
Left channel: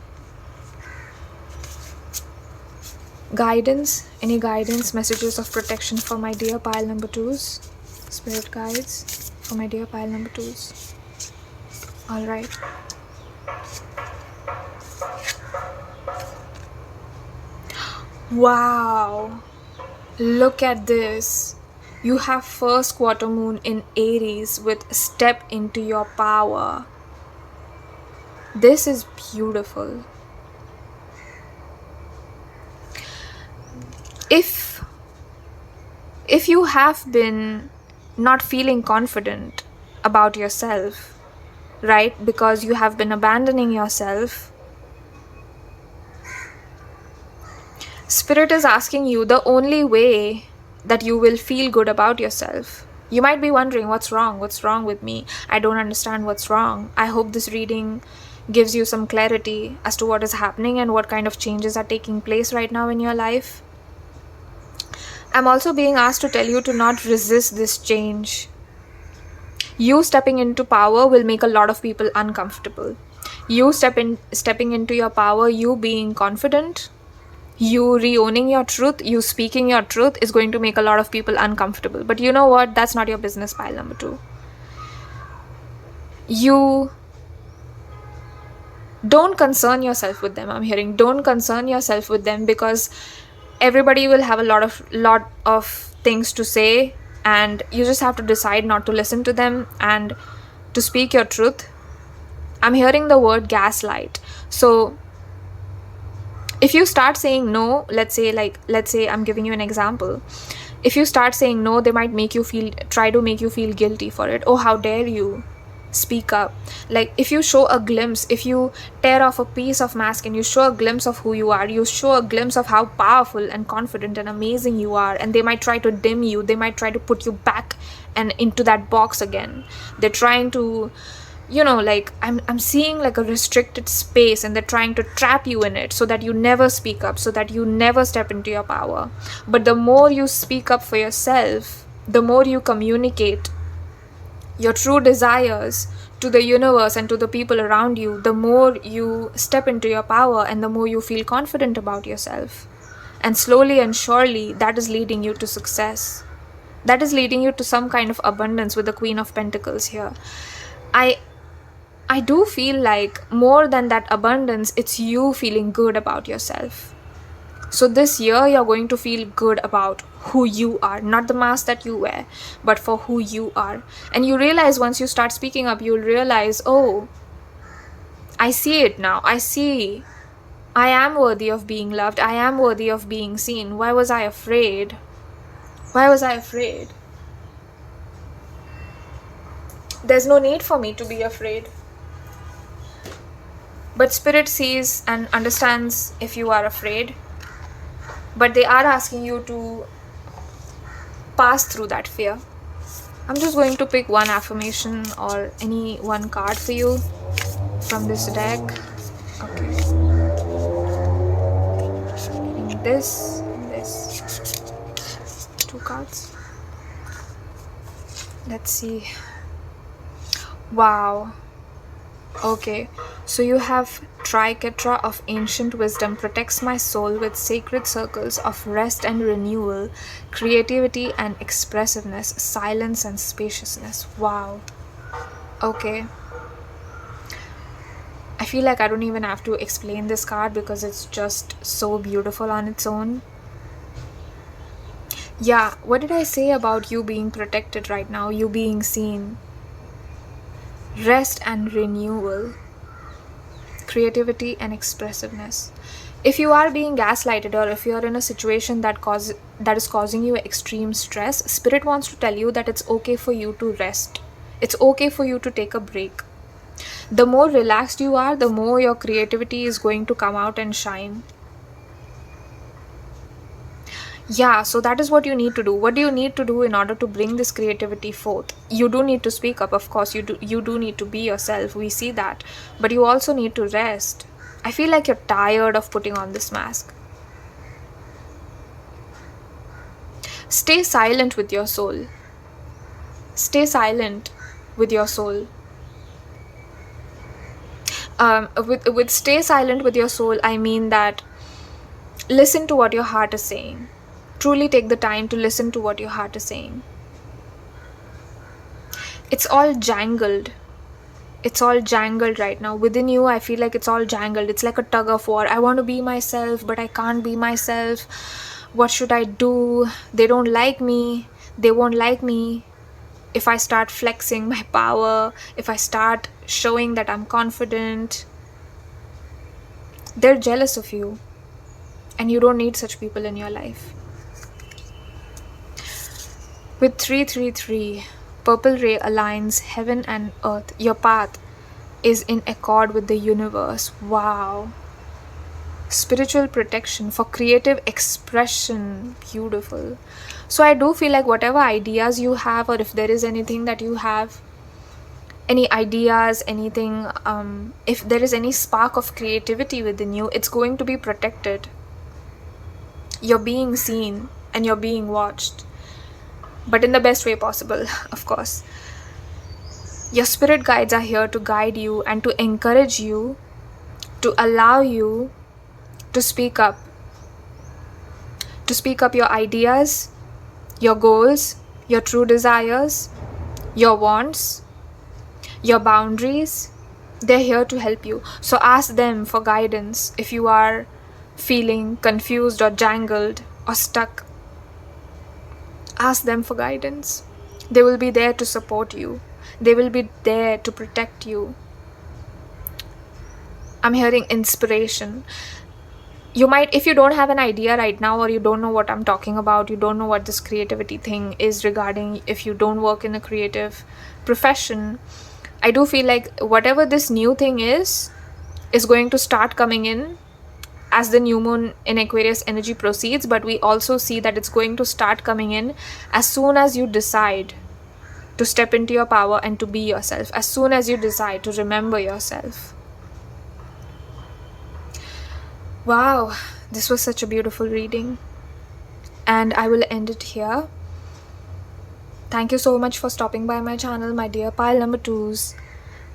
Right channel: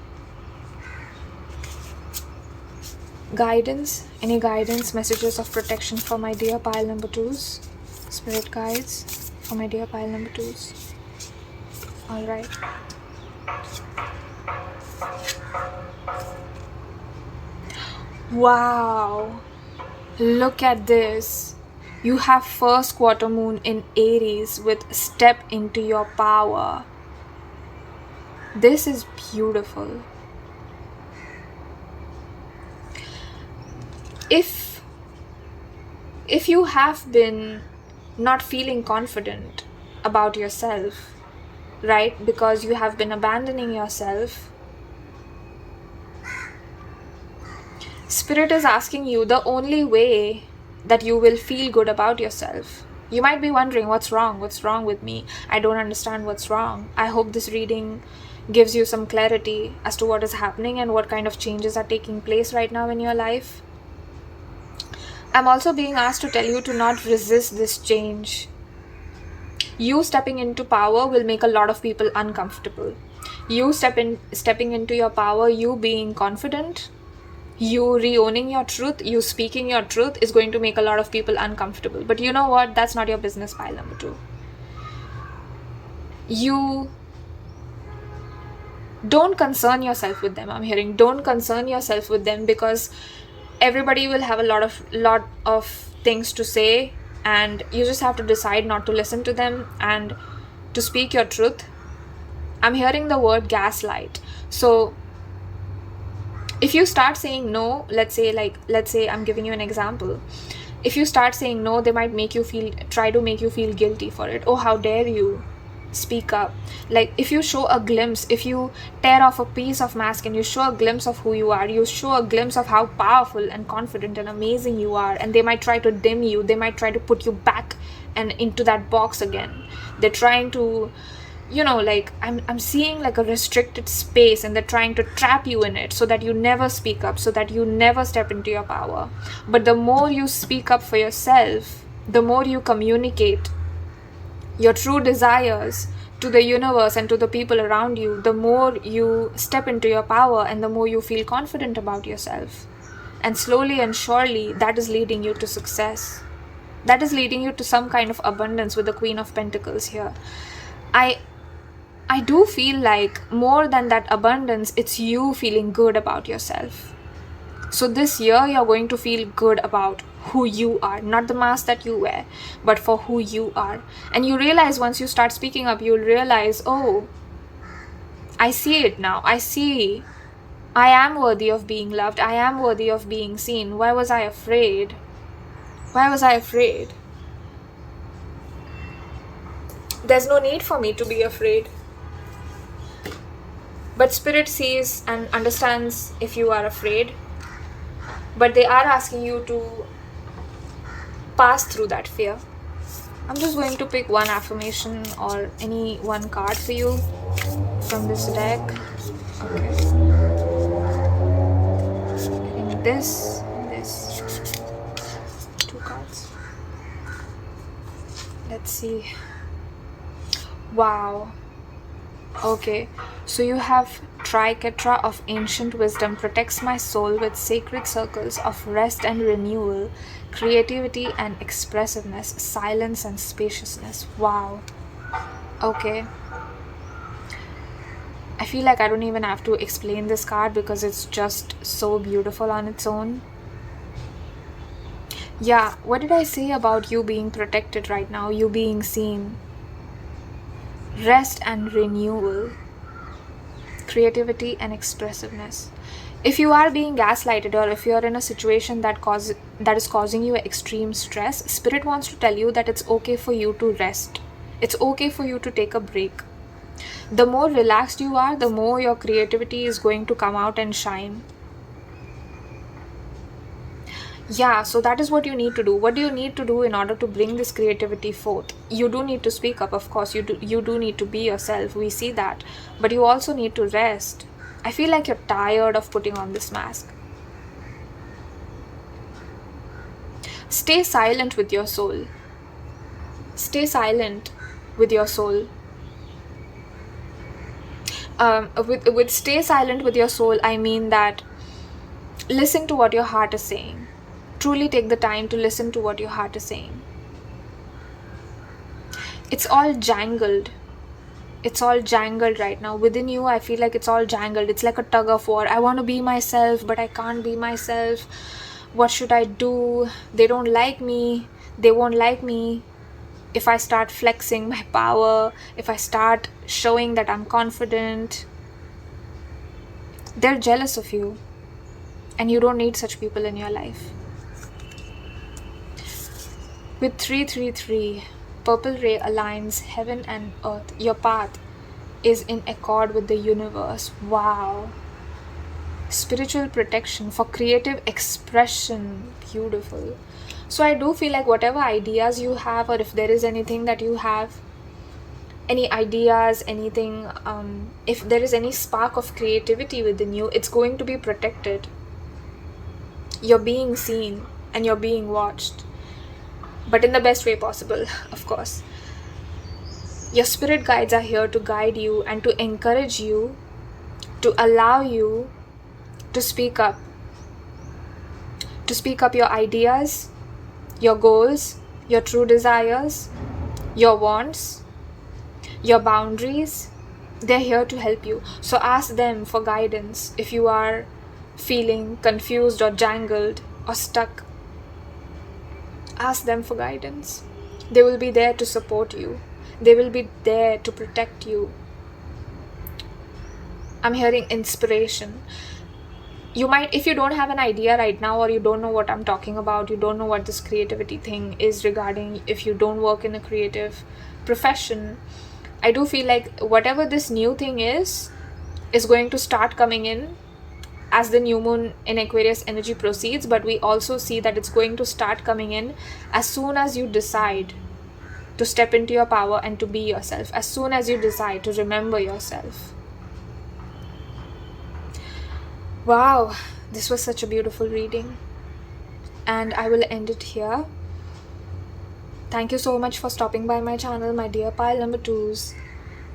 Guidance, any guidance, messages of protection for my dear pile number 2s, spirit guides for my dear pile number 2s. All right. Wow, look at this. You have first quarter moon in Aries with step into your power. This is beautiful. If you have been not feeling confident about yourself, right, because you have been abandoning yourself, Spirit is asking you the only way that you will feel good about yourself. You might be wondering, what's wrong? What's wrong with me? I don't understand what's wrong. I hope this reading gives you some clarity as to what is happening and what kind of changes are taking place right now in your life. I'm also being asked to tell you to not resist this change. You stepping into power will make a lot of people uncomfortable. You stepping into your power, you being confident, you re-owning your truth, you speaking your truth is going to make a lot of people uncomfortable. But you know what? That's not your business, pile number 2. You don't concern yourself with them. I'm hearing don't concern yourself with them, because everybody will have a lot of things to say, and you just have to decide not to listen to them and to speak your truth. I'm hearing the word gaslight. So if you start saying no, let's say I'm giving you an example. If you start saying no, they might try to make you feel guilty for it. Oh, how dare you speak up. Like, if you show a glimpse, if you tear off a piece of mask and you show a glimpse of who you are, you show a glimpse of how powerful and confident and amazing you are, and they might try to dim you. They might try to put you back and into that box again. They're trying to, like, I'm seeing like a restricted space, and they're trying to trap you in it so that you never speak up, so that you never step into your power. But the more you speak up for yourself, the more you communicate your true desires to the universe and to the people around you, the more you step into your power and the more you feel confident about yourself. And slowly and surely, that is leading you to success. That is leading you to some kind of abundance with the Queen of Pentacles here. I do feel like more than that abundance, it's you feeling good about yourself. So this year, you're going to feel good about who you are, not the mask that you wear, but for who you are. And you realize, once you start speaking up, you'll realize, oh, I see it now. I see I am worthy of being loved. I am worthy of being seen. Why was I afraid? Why was I afraid? There's no need for me to be afraid. But Spirit sees and understands if you are afraid. But they are asking you to pass through that fear. I'm just going to pick one affirmation or any one card for you from this deck. Okay. Getting this and this. 2 cards. Let's see. Wow. Okay, so you have 𝒫𝒾𝒸𝓀 of ancient wisdom protects my soul with sacred circles of rest and renewal, creativity and expressiveness, silence and spaciousness. Wow. Okay. I feel like I don't even have to explain this card because it's just so beautiful on its own. Yeah, what did I say about you being protected right now? You being seen. Rest and renewal, creativity and expressiveness. If you are being gaslighted or if you're in a situation that is causing you extreme stress, Spirit wants to tell you that it's okay for you to rest. It's okay for you to take a break. The more relaxed you are, the more your creativity is going to come out and shine. Yeah, so that is what you need to do. What do you need to do in order to bring this creativity forth? You do need to speak up, of course. You do need to be yourself. We see that. But you also need to rest. I feel like you're tired of putting on this mask. Stay silent with your soul. Stay silent with your soul. With stay silent with your soul, I mean that listen to what your heart is saying. Truly take the time to listen to what your heart is saying. It's all jangled. It's all jangled right now. Within you, I feel like it's all jangled. It's like a tug of war. I want to be myself, but I can't be myself. What should I do? They don't like me. They won't like me. If I start flexing my power, if I start showing that I'm confident, they're jealous of you. And you don't need such people in your life. With 333, purple ray aligns heaven and earth. Your path is in accord with the universe. Wow. Spiritual protection for creative expression. Beautiful. So I do feel like whatever ideas you have, or if there is anything that you have, any ideas, anything, if there is any spark of creativity within you, it's going to be protected. You're being seen and you're being watched. But in the best way possible, of course. Your spirit guides are here to guide you and to encourage you, to allow you to speak up. To speak up your ideas, your goals, your true desires, your wants, your boundaries. They're here to help you. So ask them for guidance if you are feeling confused or jangled or stuck. Ask them for guidance. They will be there to support you. They will be there to protect you. I'm hearing inspiration. You might, if you don't have an idea right now, or you don't know what I'm talking about, you don't know what this creativity thing is regarding, if you don't work in a creative profession, I do feel like whatever this new thing is going to start coming in as the new moon in Aquarius energy proceeds, but we also see that it's going to start coming in as soon as you decide to step into your power and to be yourself, as soon as you decide to remember yourself. Wow, this was such a beautiful reading, and I will end it here. Thank you so much for stopping by my channel, my dear pile number 2s.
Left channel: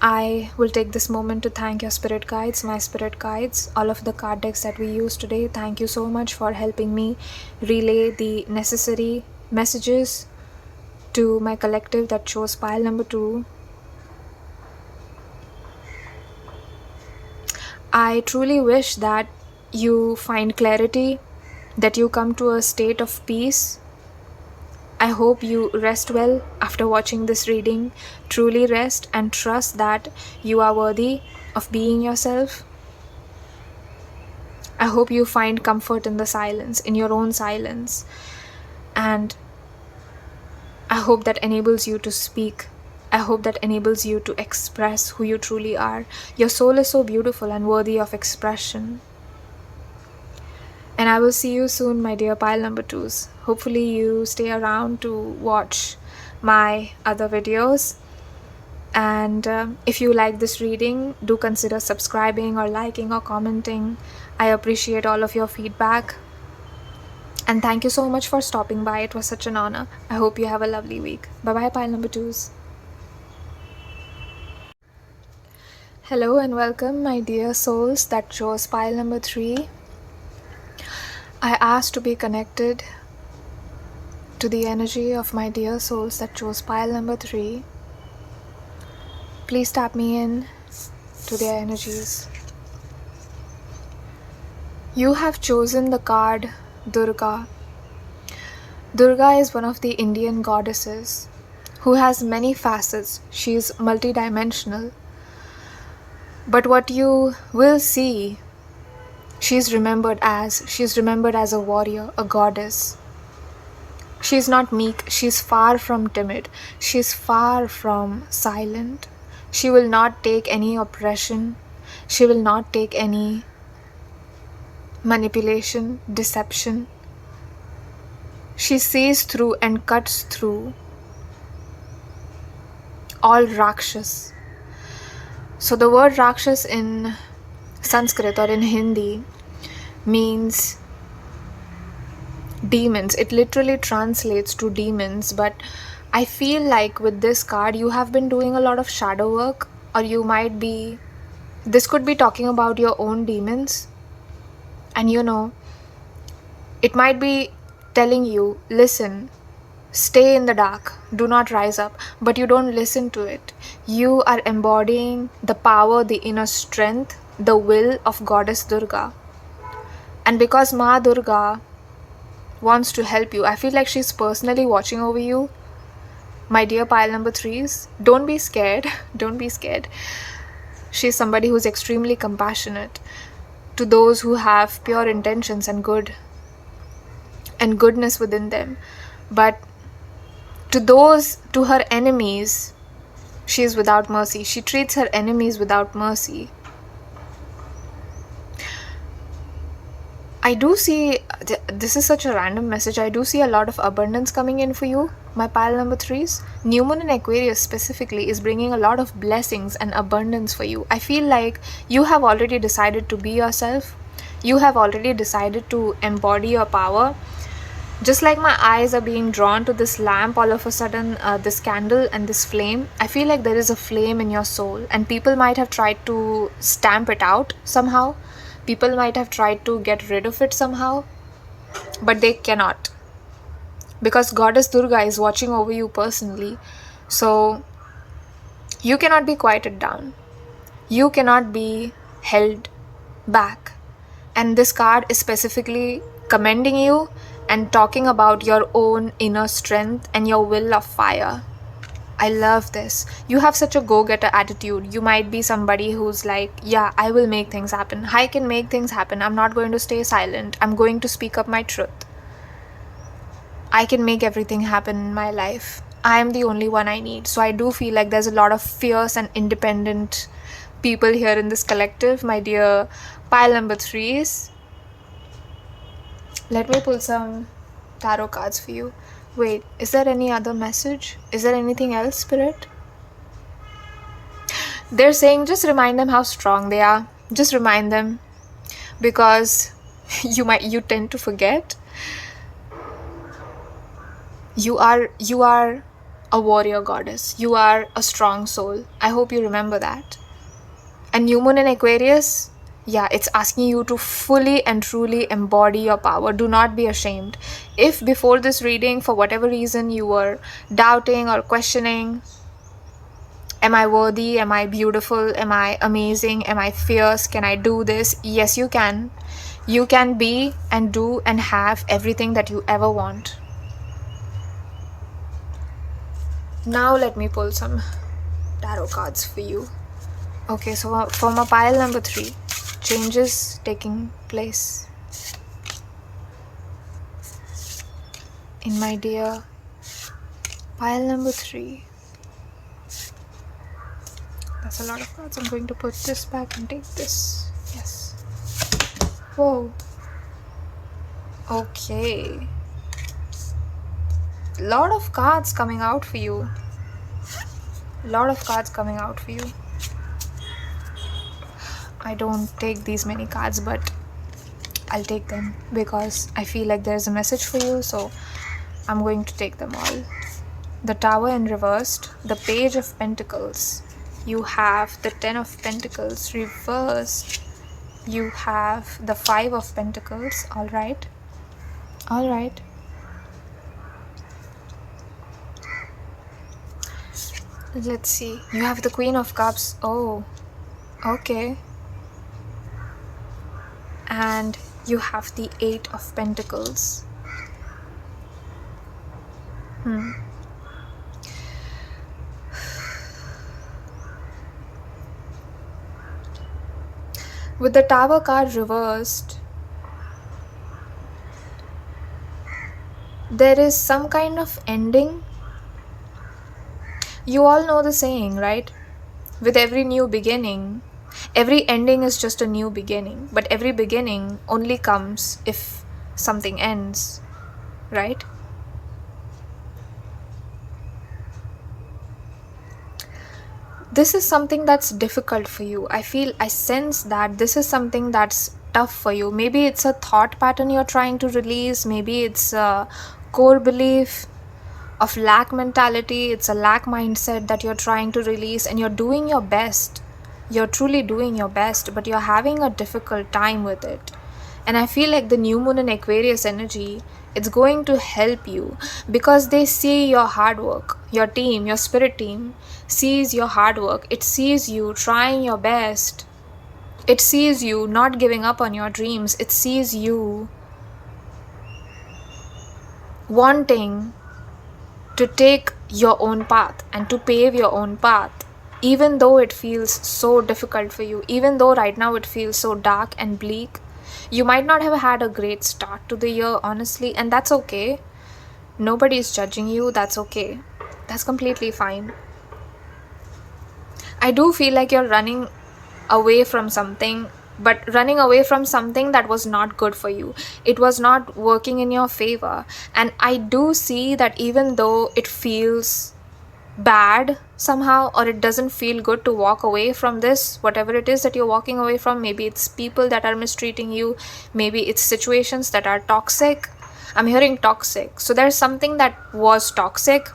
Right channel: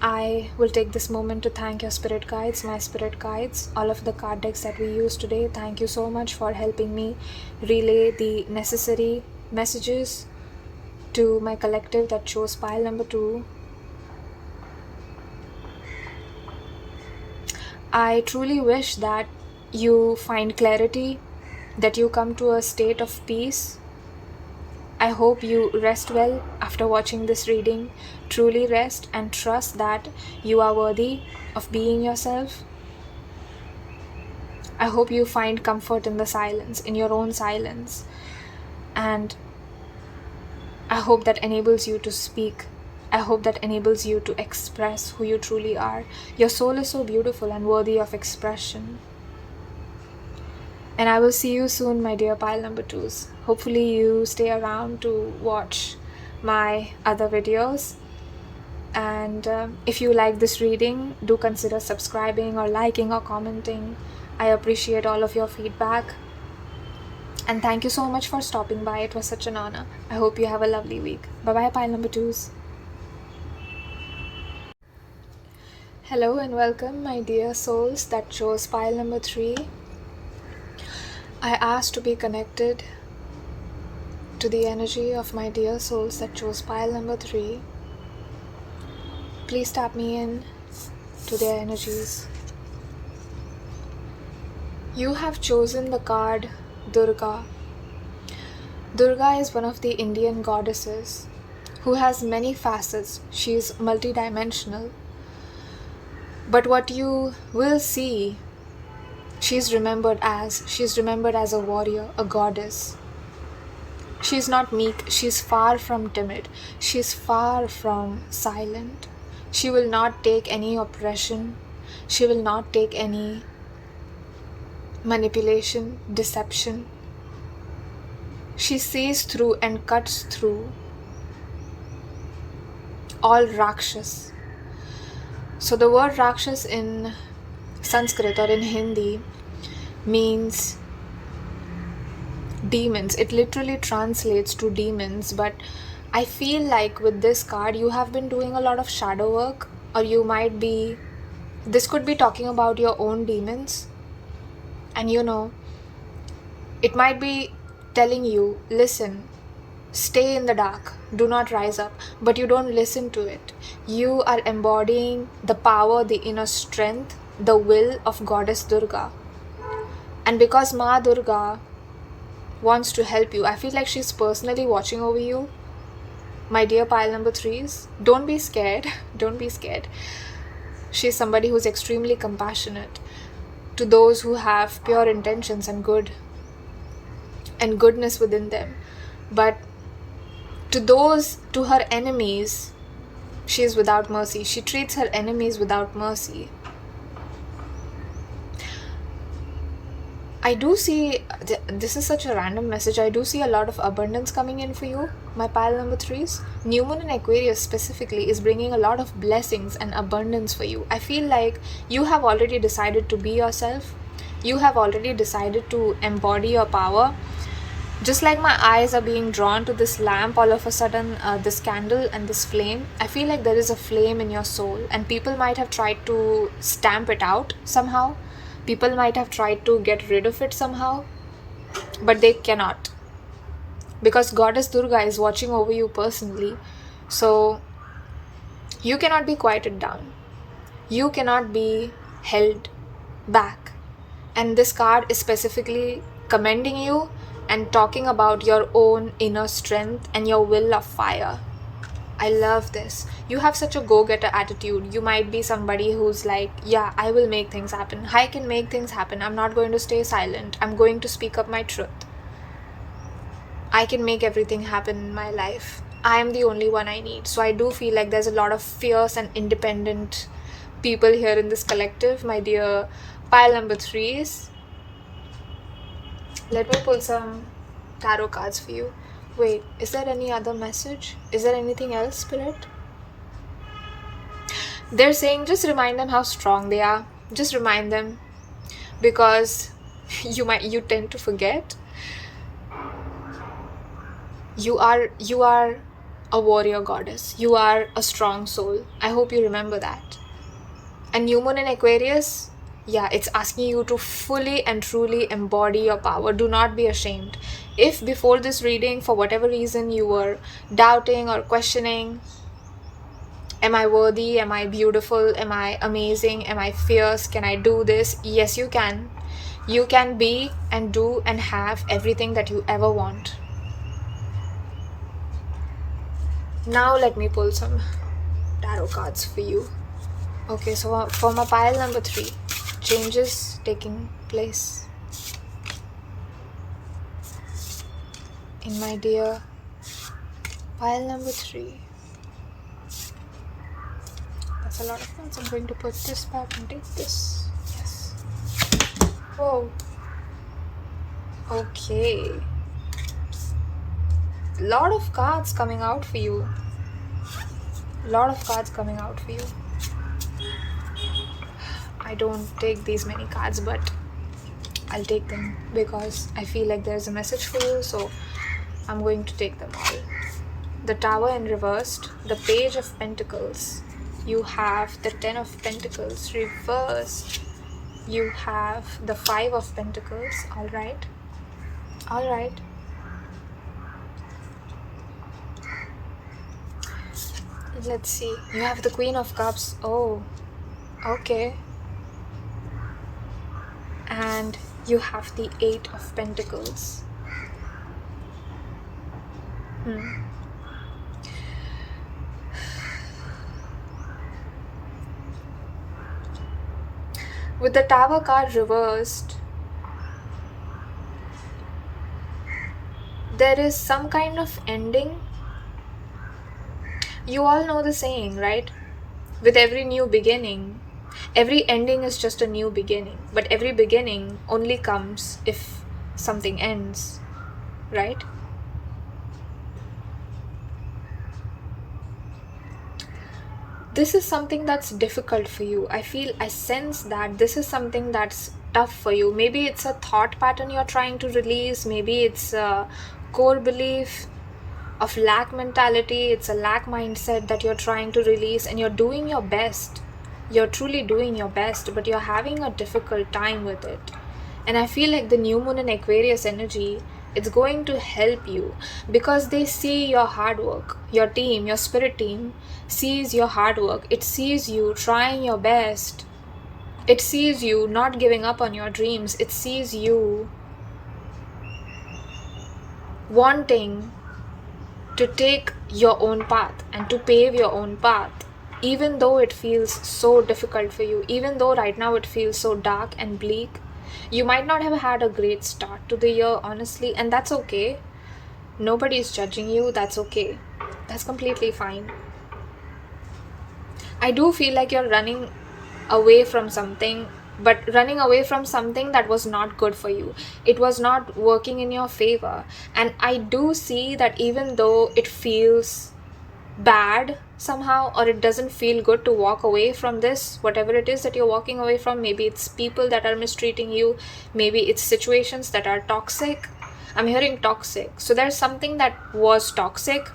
I will take this moment to thank your spirit guides, my spirit guides, all of the card decks that we used today. Thank you so much for helping me relay the necessary messages to my collective that chose pile number 2. I truly wish that you find clarity, that you come to a state of peace. I hope you rest well after watching this reading. Truly rest and trust that you are worthy of being yourself. I hope you find comfort in the silence, in your own silence. And I hope that enables you to speak. I hope that enables you to express who you truly are. Your soul is so beautiful and worthy of expression. And I will see you soon, my dear pile number 2s. Hopefully you stay around to watch my other videos. And if you like this reading, do consider subscribing or liking or commenting. I appreciate all of your feedback. And thank you so much for stopping by. It was such an honor. I hope you have a lovely week. Bye-bye, pile number 2s. Hello and welcome, my dear souls that chose pile number 3. I asked to be connected to the energy of my dear souls that chose pile number 3. Please tap me in to their energies. You have chosen the card Durga. Durga is one of the Indian goddesses who has many facets. She is multidimensional. But what you will see, she's remembered as a warrior, a goddess. She's not meek, she's far from timid, she's far from silent. She will not take any oppression, she will not take any manipulation, deception. She sees through and cuts through all Rakshas. So the word Rakshas in Sanskrit or in Hindi means demons. It literally translates to demons, but I feel like with this card you have been doing a lot of shadow work, or this could be talking about your own demons. And it might be telling you, listen, stay in the dark, do not rise up, but you don't listen to it. You are embodying the power, the inner strength, the will of Goddess Durga. And because Ma Durga wants to help you, I feel like she's personally watching over you. My dear pile number 3s, don't be scared. Don't be scared. She's somebody who's extremely compassionate to those who have pure intentions and goodness within them. But to her enemies, she is without mercy. She treats her enemies without mercy. I do see, this is such a random message, I do see a lot of abundance coming in for you, my pile number 3s. New Moon in Aquarius specifically is bringing a lot of blessings and abundance for you. I feel like you have already decided to be yourself. You have already decided to embody your power. Just like my eyes are being drawn to this lamp, all of a sudden, this candle and this flame, I feel like there is a flame in your soul, and people might have tried to stamp it out somehow. People might have tried to get rid of it somehow, but they cannot. Because Goddess Durga is watching over you personally. So you cannot be quieted down. You cannot be held back. And this card is specifically commending you and talking about your own inner strength and your will of fire. I love this. You have such a go-getter attitude. You might be somebody who's like, yeah, I will make things happen. I can make things happen. I'm not going to stay silent. I'm going to speak up my truth. I can make everything happen in my life. I am the only one I need. So I do feel like there's a lot of fierce and independent people here in this collective, my dear pile number 3s. Let me pull some tarot cards for you. Wait, is there any other message? Is there anything else, Spirit? They're saying just remind them how strong they are. Just remind them, because you tend to forget. You are a warrior goddess. You are a strong soul. I hope you remember that. And New Moon in Aquarius, yeah, it's asking you to fully and truly embody your power. Do not be ashamed. If before this reading, for whatever reason, you were doubting or questioning, am I worthy? Am I beautiful? Am I amazing? Am I fierce? Can I do this? Yes, you can. You can be and do and have everything that you ever want. Now let me pull some tarot cards for you. Okay, so for my pile number 3, changes taking place in my dear Pile number 3. That's a lot of cards. I'm going to put this back and take this. Yes. Whoa. Okay. Lot of cards coming out for you. Lot of cards coming out for you. I don't take these many cards, but I'll take them because I feel like there's a message for you, so I'm going to take them all. The Tower in reversed, the Page of Pentacles. You have the 10 of Pentacles reversed. You have the 5 of Pentacles. Alright. Alright. Let's see. You have the Queen of Cups. Oh, okay. And you have the 8 of Pentacles. With the Tower card reversed, there is some kind of ending. You all know the saying, right? With every new beginning, every ending is just a new beginning, but every beginning only comes if something ends, right? This is something that's difficult for you. I sense that this is something that's tough for you. Maybe it's a thought pattern you're trying to release. Maybe it's a core belief of lack mentality. It's a lack mindset that you're trying to release, and you're doing your best. You're truly doing your best, but you're having a difficult time with it. And I feel like the new moon in Aquarius energy, it's going to help you because they see your hard work. Your team, your spirit team sees your hard work. It sees you trying your best. It sees you not giving up on your dreams. It sees you wanting to take your own path and to pave your own path, even though it feels so difficult for you, even though right now it feels so dark and bleak. You might not have had a great start to the year, honestly, and that's okay. Nobody's judging you. That's okay. That's completely fine. I do feel like you're running away from something, but running away from something that was not good for you. It was not working in your favor. And I do see that even though it feels bad somehow, or it doesn't feel good to walk away from this, whatever it is that you're walking away from, maybe it's people that are mistreating you, maybe it's situations that are toxic. I'm hearing toxic. So there's something that was toxic,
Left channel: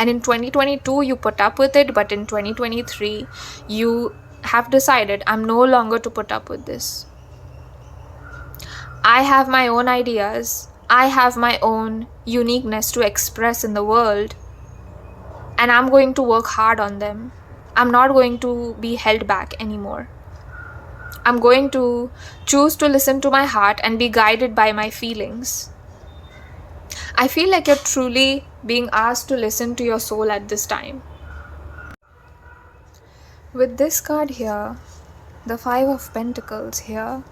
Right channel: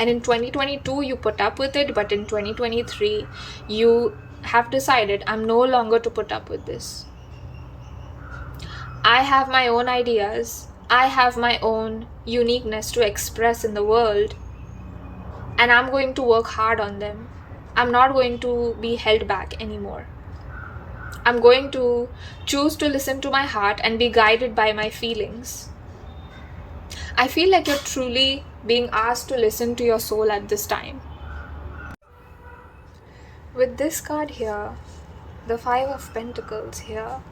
and in 2022 you put up with it, but in 2023 you have decided, I'm no longer to put up with this. I have my own ideas. I have my own uniqueness to express in the world, and I'm going to work hard on them. I'm not going to be held back anymore. I'm going to choose to listen to my heart and be guided by my feelings. I feel like you're truly being asked to listen to your soul at this time. With this card here, the 5 of Pentacles here,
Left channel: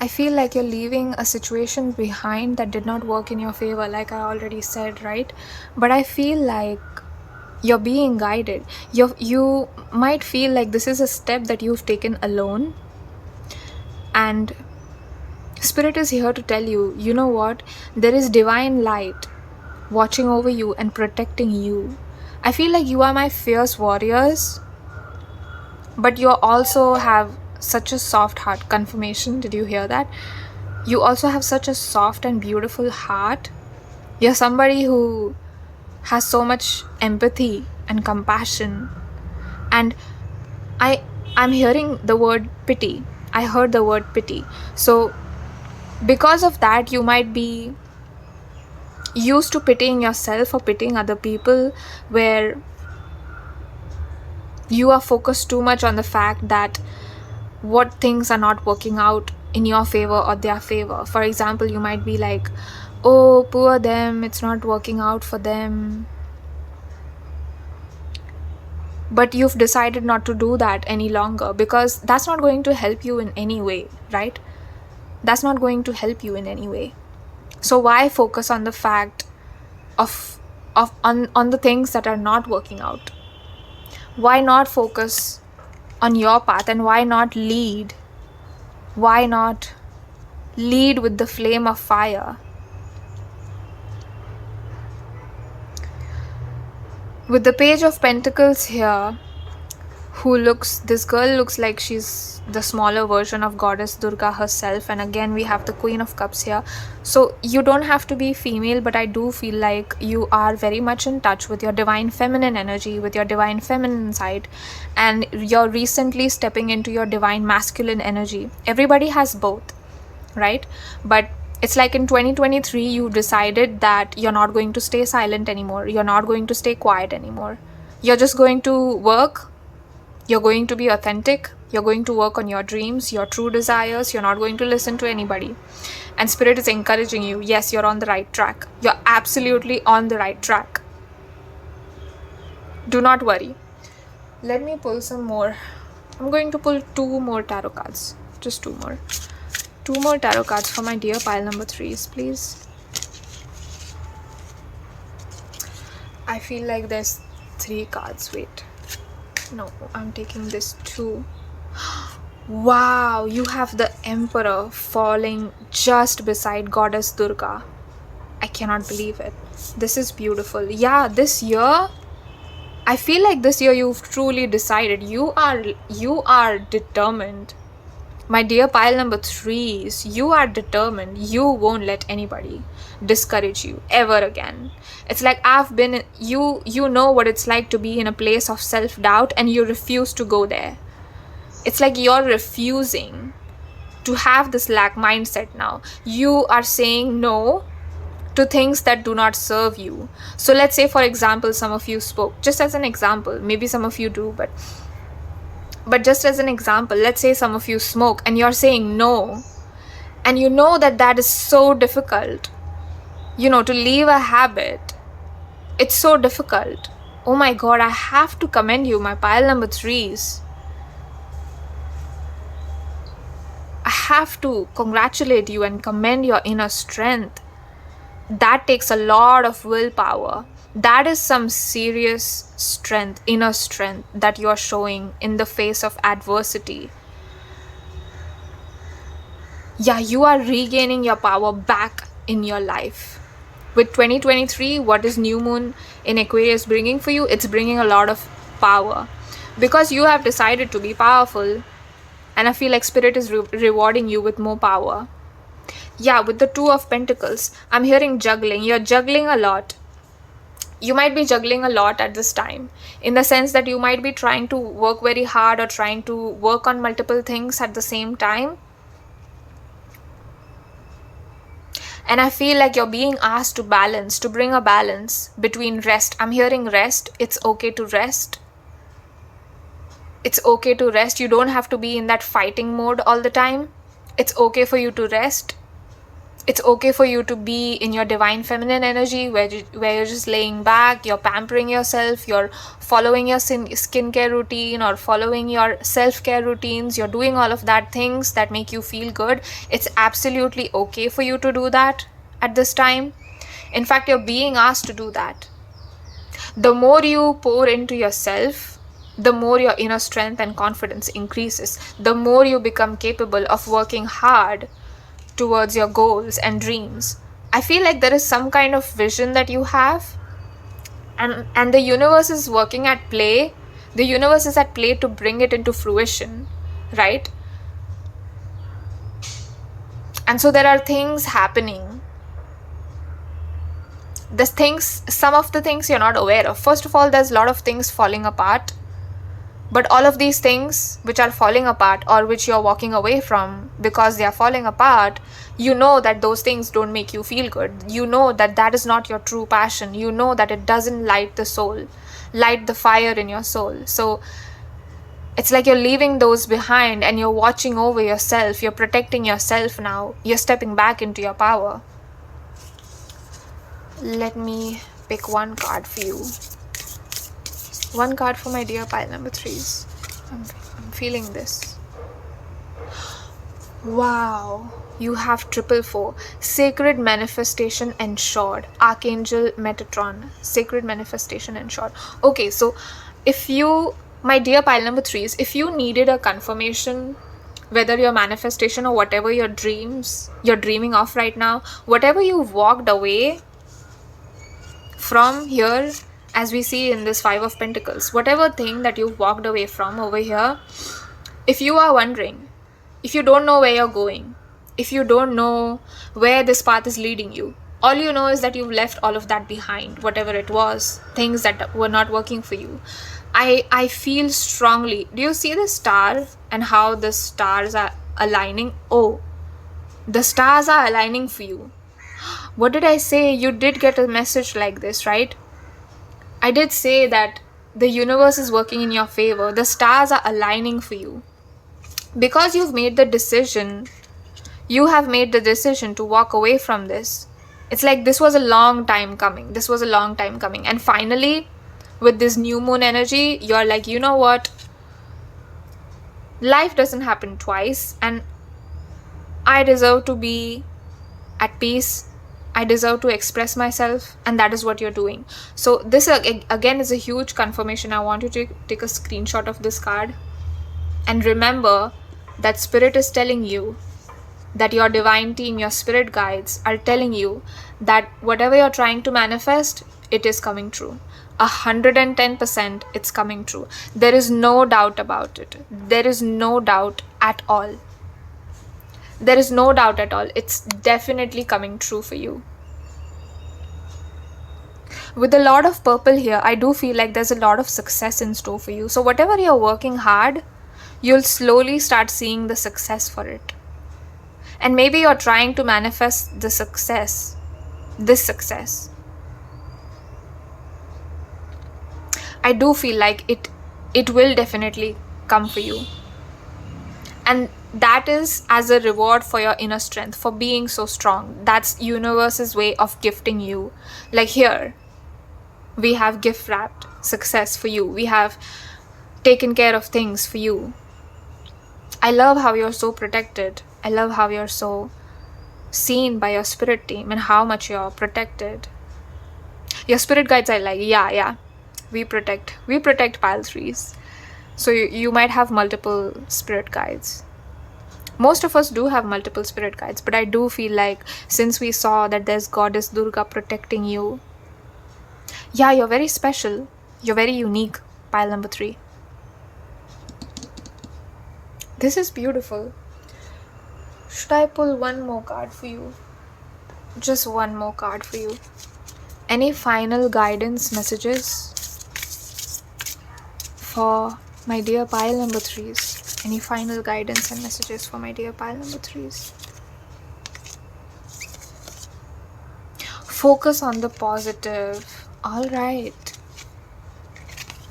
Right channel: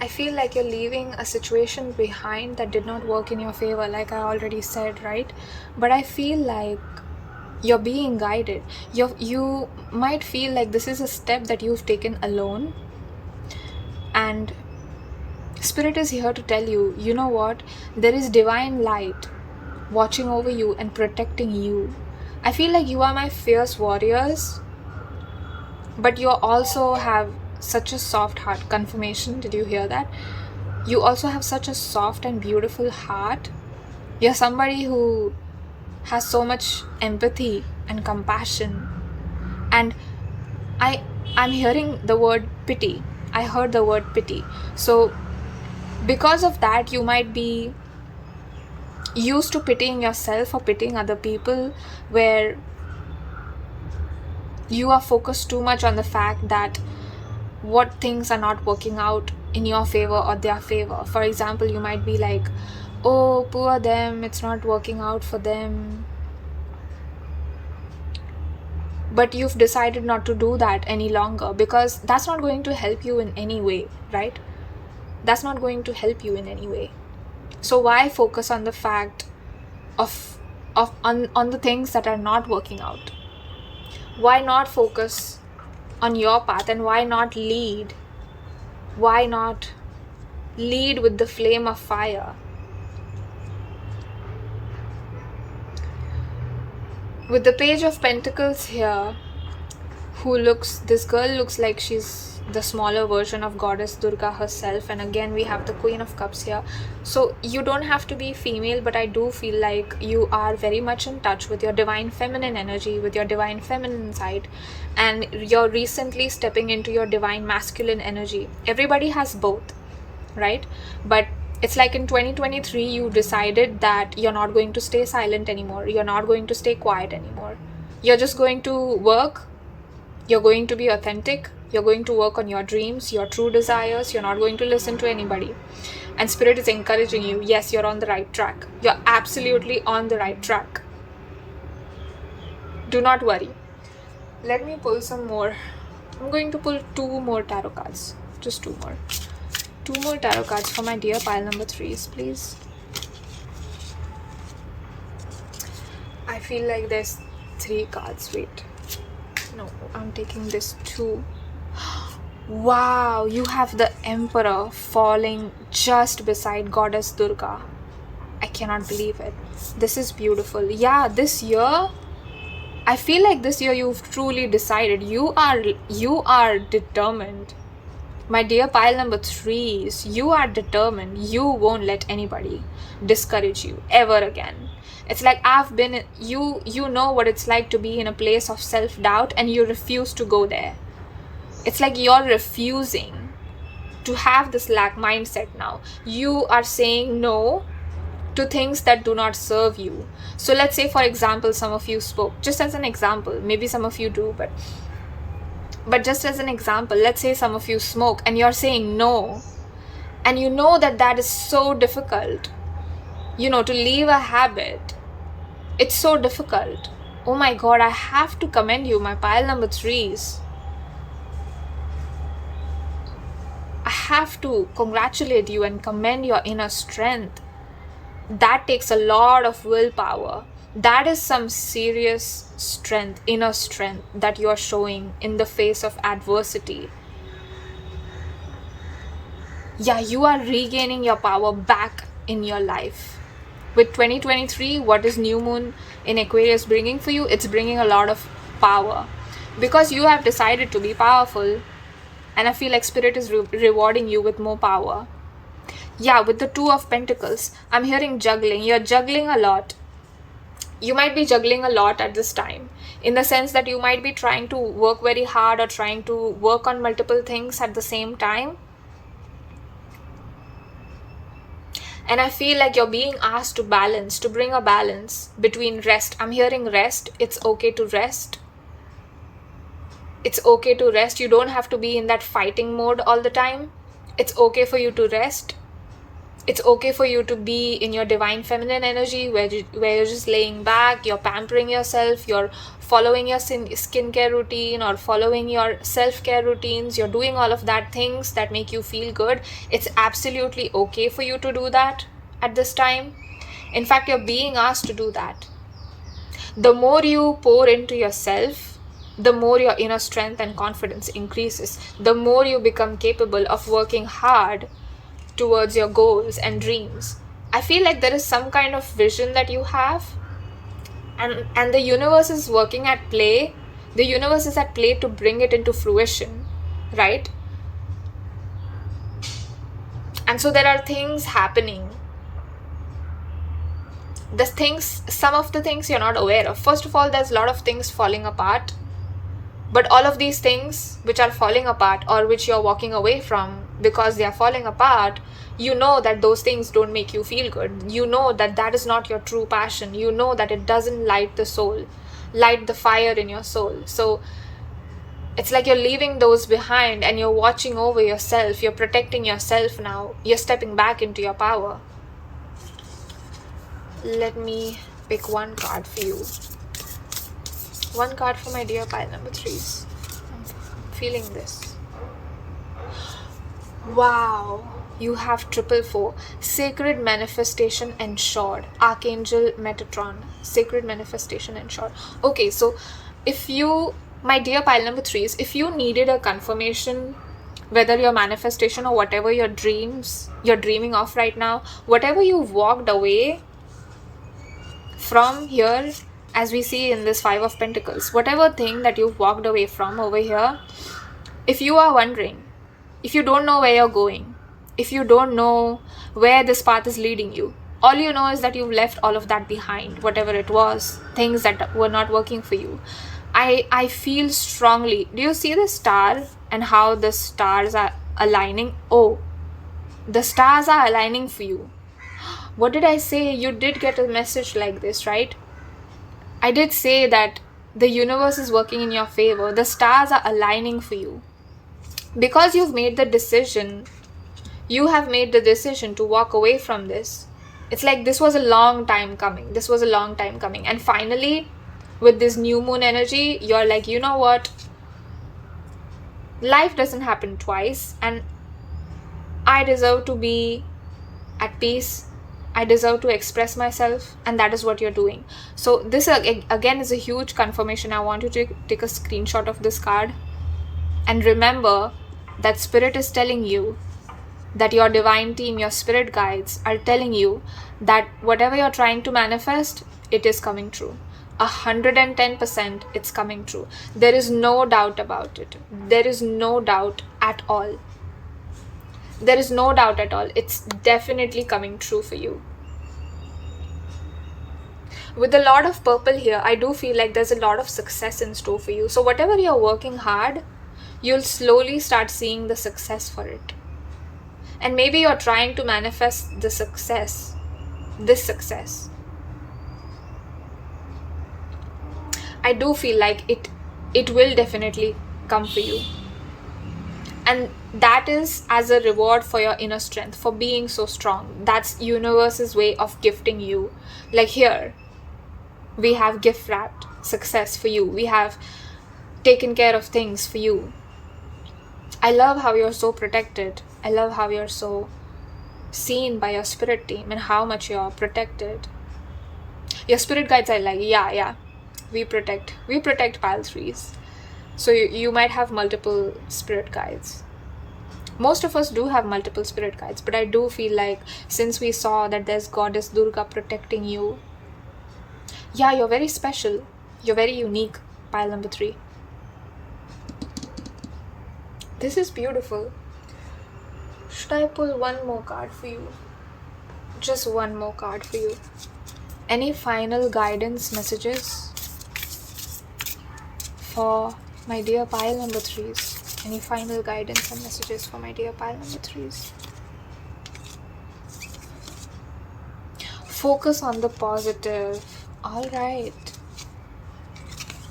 I feel like you're leaving a situation behind that did not work in your favor, like I already said, right? But I feel like you're being guided. You might feel like this is a step that you've taken alone, and Spirit is here to tell you, you know what? There is divine light watching over you and protecting you. I feel like you are my fierce warriors, but you also have such a soft heart. Confirmation, did you hear that? You also have such a soft and beautiful heart. You're somebody who has so much empathy and compassion. And I'm hearing the word pity. I heard the word pity. So because of that, you might be used to pitying yourself or pitying other people, where you are focused too much on the fact that what things are not working out in your favor or their favor. For example, you might be like, oh, poor them, it's not working out for them. But you've decided not to do that any longer, because that's not going to help you in any way, right? That's not going to help you in any way. So why focus on the fact of on the things that are not working out? Why not focus on your path, and why not lead? Why not lead with the flame of fire? With the Page of Pentacles here, this girl looks like she's the smaller version of Goddess Durga herself, and again we have the Queen of Cups here. So you don't have to be female, but I do feel like you are very much in touch with your divine feminine energy, with your divine feminine side, and you're recently stepping into your divine masculine energy. Everybody has both, right? But it's like in 2023 you decided that you're not going to stay silent anymore, you're not going to stay quiet anymore, you're just going to work. You're going to be authentic. You're going to work on your dreams, your true desires. You're not going to listen to anybody. And Spirit is encouraging you. Yes, you're on the right track. You're absolutely on the right track. Do not worry. Let me pull some more. I'm going to pull 2 more tarot cards. Just 2 more. 2 more tarot cards for my dear pile number 3s, please. I feel like there's 3 cards. Wait. No, I'm taking this 2. Wow, you have the Emperor falling just beside Goddess Durga. I cannot believe it. This is beautiful. Yeah, this year, I feel like this year you've truly decided. You are determined. My dear pile number 3s, you are determined. You won't let anybody discourage you ever again. It's like you know what it's like to be in a place of self-doubt and you refuse to go there. It's like you're refusing to have this lack mindset now. You are saying no to things that do not serve you. So let's say, for example, some of you spoke. Just as an example, maybe some of you do, but just as an example, let's say some of you smoke and you're saying no. And you know that is so difficult. You know, to leave a habit, it's so difficult. Oh my God, I have to commend you, my pile number 3s. I have to congratulate you and commend your inner strength. That takes a lot of willpower. That is some serious strength, inner strength that you are showing in the face of adversity. Yeah, you are regaining your power back in your life. With 2023, what is new moon in Aquarius bringing for you? It's bringing a lot of power because you have decided to be powerful, and I feel like Spirit is rewarding you with more power. Yeah, with the 2 of Pentacles, I'm hearing juggling. You're juggling a lot. You might be juggling a lot at this time, in the sense that you might be trying to work very hard or trying to work on multiple things at the same time. And I feel like you're being asked to balance, to bring a balance between rest. I'm hearing rest. It's okay to rest. It's okay to rest. You don't have to be in that fighting mode all the time. It's okay for you to rest. It's okay for you to be in your divine feminine energy where you're just laying back, you're pampering yourself, you're following your skincare routine or following your self-care routines, you're doing all of that things that make you feel good. It's absolutely okay for you to do that at this time. In fact, you're being asked to do that. The more you pour into yourself, the more your inner strength and confidence increases. The more you become capable of working hard towards your goals and dreams. I feel like there is some kind of vision that you have, and the universe is working at play. The universe is at play to bring it into fruition, right? And so there are things happening. Some of the things you're not aware of. First of all, there's a lot of things falling apart. But all of these things which are falling apart or which you're walking away from because they are falling apart, you know that those things don't make you feel good. You know that is not your true passion. You know that it doesn't light the soul, light the fire in your soul. So it's like you're leaving those behind and you're watching over yourself. You're protecting yourself now. You're stepping back into your power. Let me pick one card for you. One card for my dear pile number 3s. I'm feeling this. Wow. You have 444, sacred manifestation ensured, Archangel Metatron, sacred manifestation ensured. Okay, so if you, my dear pile number 3s, if you needed a confirmation, whether your manifestation or whatever your dreams you're dreaming of right now, whatever you've walked away from here, as we see in this 5 of Pentacles, whatever thing that you've walked away from over here, if you are wondering, if you don't know where you're going, if you don't know where this path is leading you, all you know is that you've left all of that behind, whatever it was, things that were not working for you. I feel strongly, do you see the star and how the stars are aligning? Oh, the stars are aligning for you. What did I say? You did get a message like this, right? I did say that the universe is working in your favor. The stars are aligning for you. Because you've made the decision, you have made the decision to walk away from this. It's like this was a long time coming. This was a long time coming. And finally, with this new moon energy, you're like, you know what? Life doesn't happen twice. And I deserve to be at peace. I deserve to express myself. And that is what you're doing. So this again is a huge confirmation. I want you to take a screenshot of this card. And remember that Spirit is telling you, that your divine team, your spirit guides are telling you that whatever you're trying to manifest, it is coming true. 110% it's coming true. There is no doubt about it. There is no doubt at all. There is no doubt at all. It's definitely coming true for you. With a lot of purple here, I do feel like there's a lot of success in store for you. So whatever you're working hard, you'll slowly start seeing the success for it. And maybe you're trying to manifest the success, this success. I do feel like it will definitely come for you. And that is as a reward for your inner strength, for being so strong. That's universe's way of gifting you. Like here, we have gift wrapped success for you. We have taken care of things for you. I love how you're so protected. I love how you're so seen by your spirit team and how much you're protected. Your spirit guides are like, yeah, we protect pile 3s. So you might have multiple spirit guides. Most of us do have multiple spirit guides, but I do feel like since we saw that there's Goddess Durga protecting you, yeah, you're very special. You're very unique, pile number 3. This is beautiful. Should I pull one more card for you? Just one more card for you. Any final guidance messages for my dear pile number 3s? Any final guidance and messages for my dear pile number 3s? Focus on the positive. All right.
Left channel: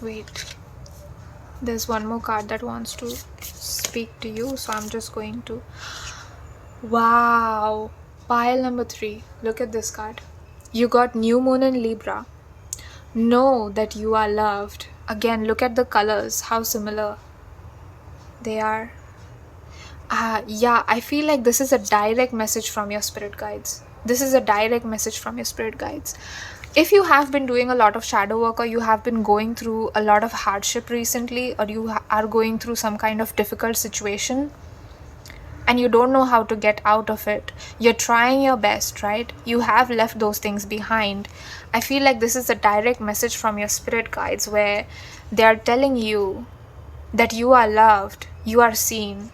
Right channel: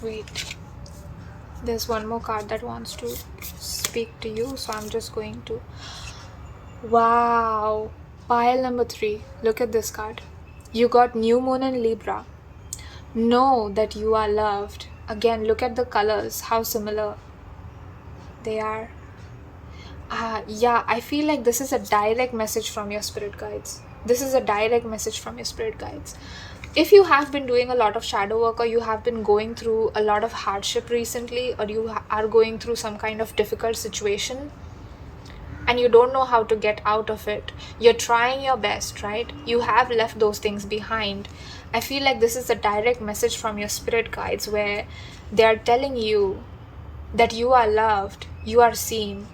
Wait. There's one more card that wants to speak to you, so I'm just going to. Wow, pile number 3, look at this card. You got new moon in Libra. Know that you are loved. Again, look at the colors, how similar they are. Yeah, I feel like this is a direct message from your spirit guides. This is a direct message from your spirit guides. If you have been doing a lot of shadow work, or you have been going through a lot of hardship recently, or you are going through some kind of difficult situation, and you don't know how to get out of it, you're trying your best, right? You have left those things behind. I feel like this is a direct message from your spirit guides where they are telling you that you are loved, you are seen.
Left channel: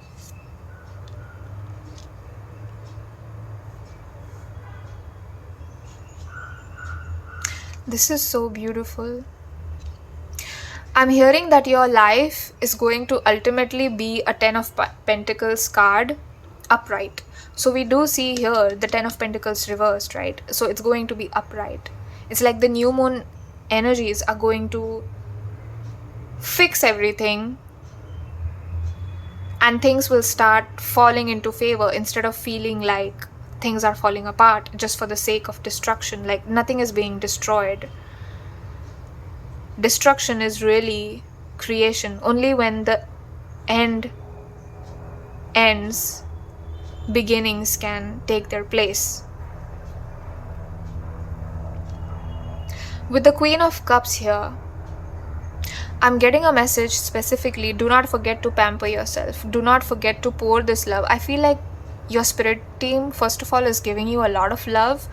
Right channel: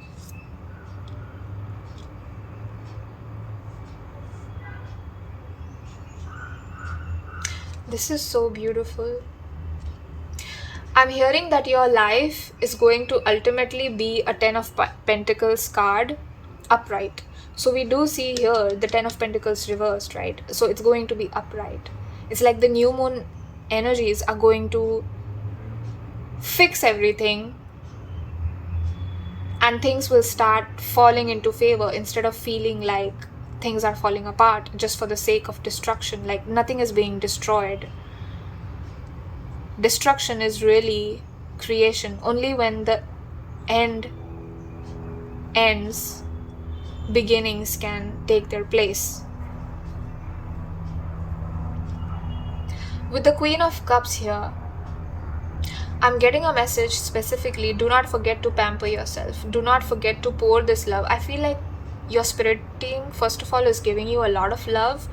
This is so beautiful. I'm hearing that your life is going to ultimately be a 10 of Pentacles card upright. So we do see here the 10 of Pentacles reversed, right? So it's going to be upright. It's like the new moon energies are going to fix everything and things will start falling into favor instead of feeling like things are falling apart just for the sake of destruction. Like nothing is being destroyed. Destruction is really creation. Only when the end ends beginnings can take their place. With the Queen of Cups here, I'm getting a message specifically, do not forget to pamper yourself. Do not forget to pour this love. I feel like your spirit team, first of all, is giving you a lot of love.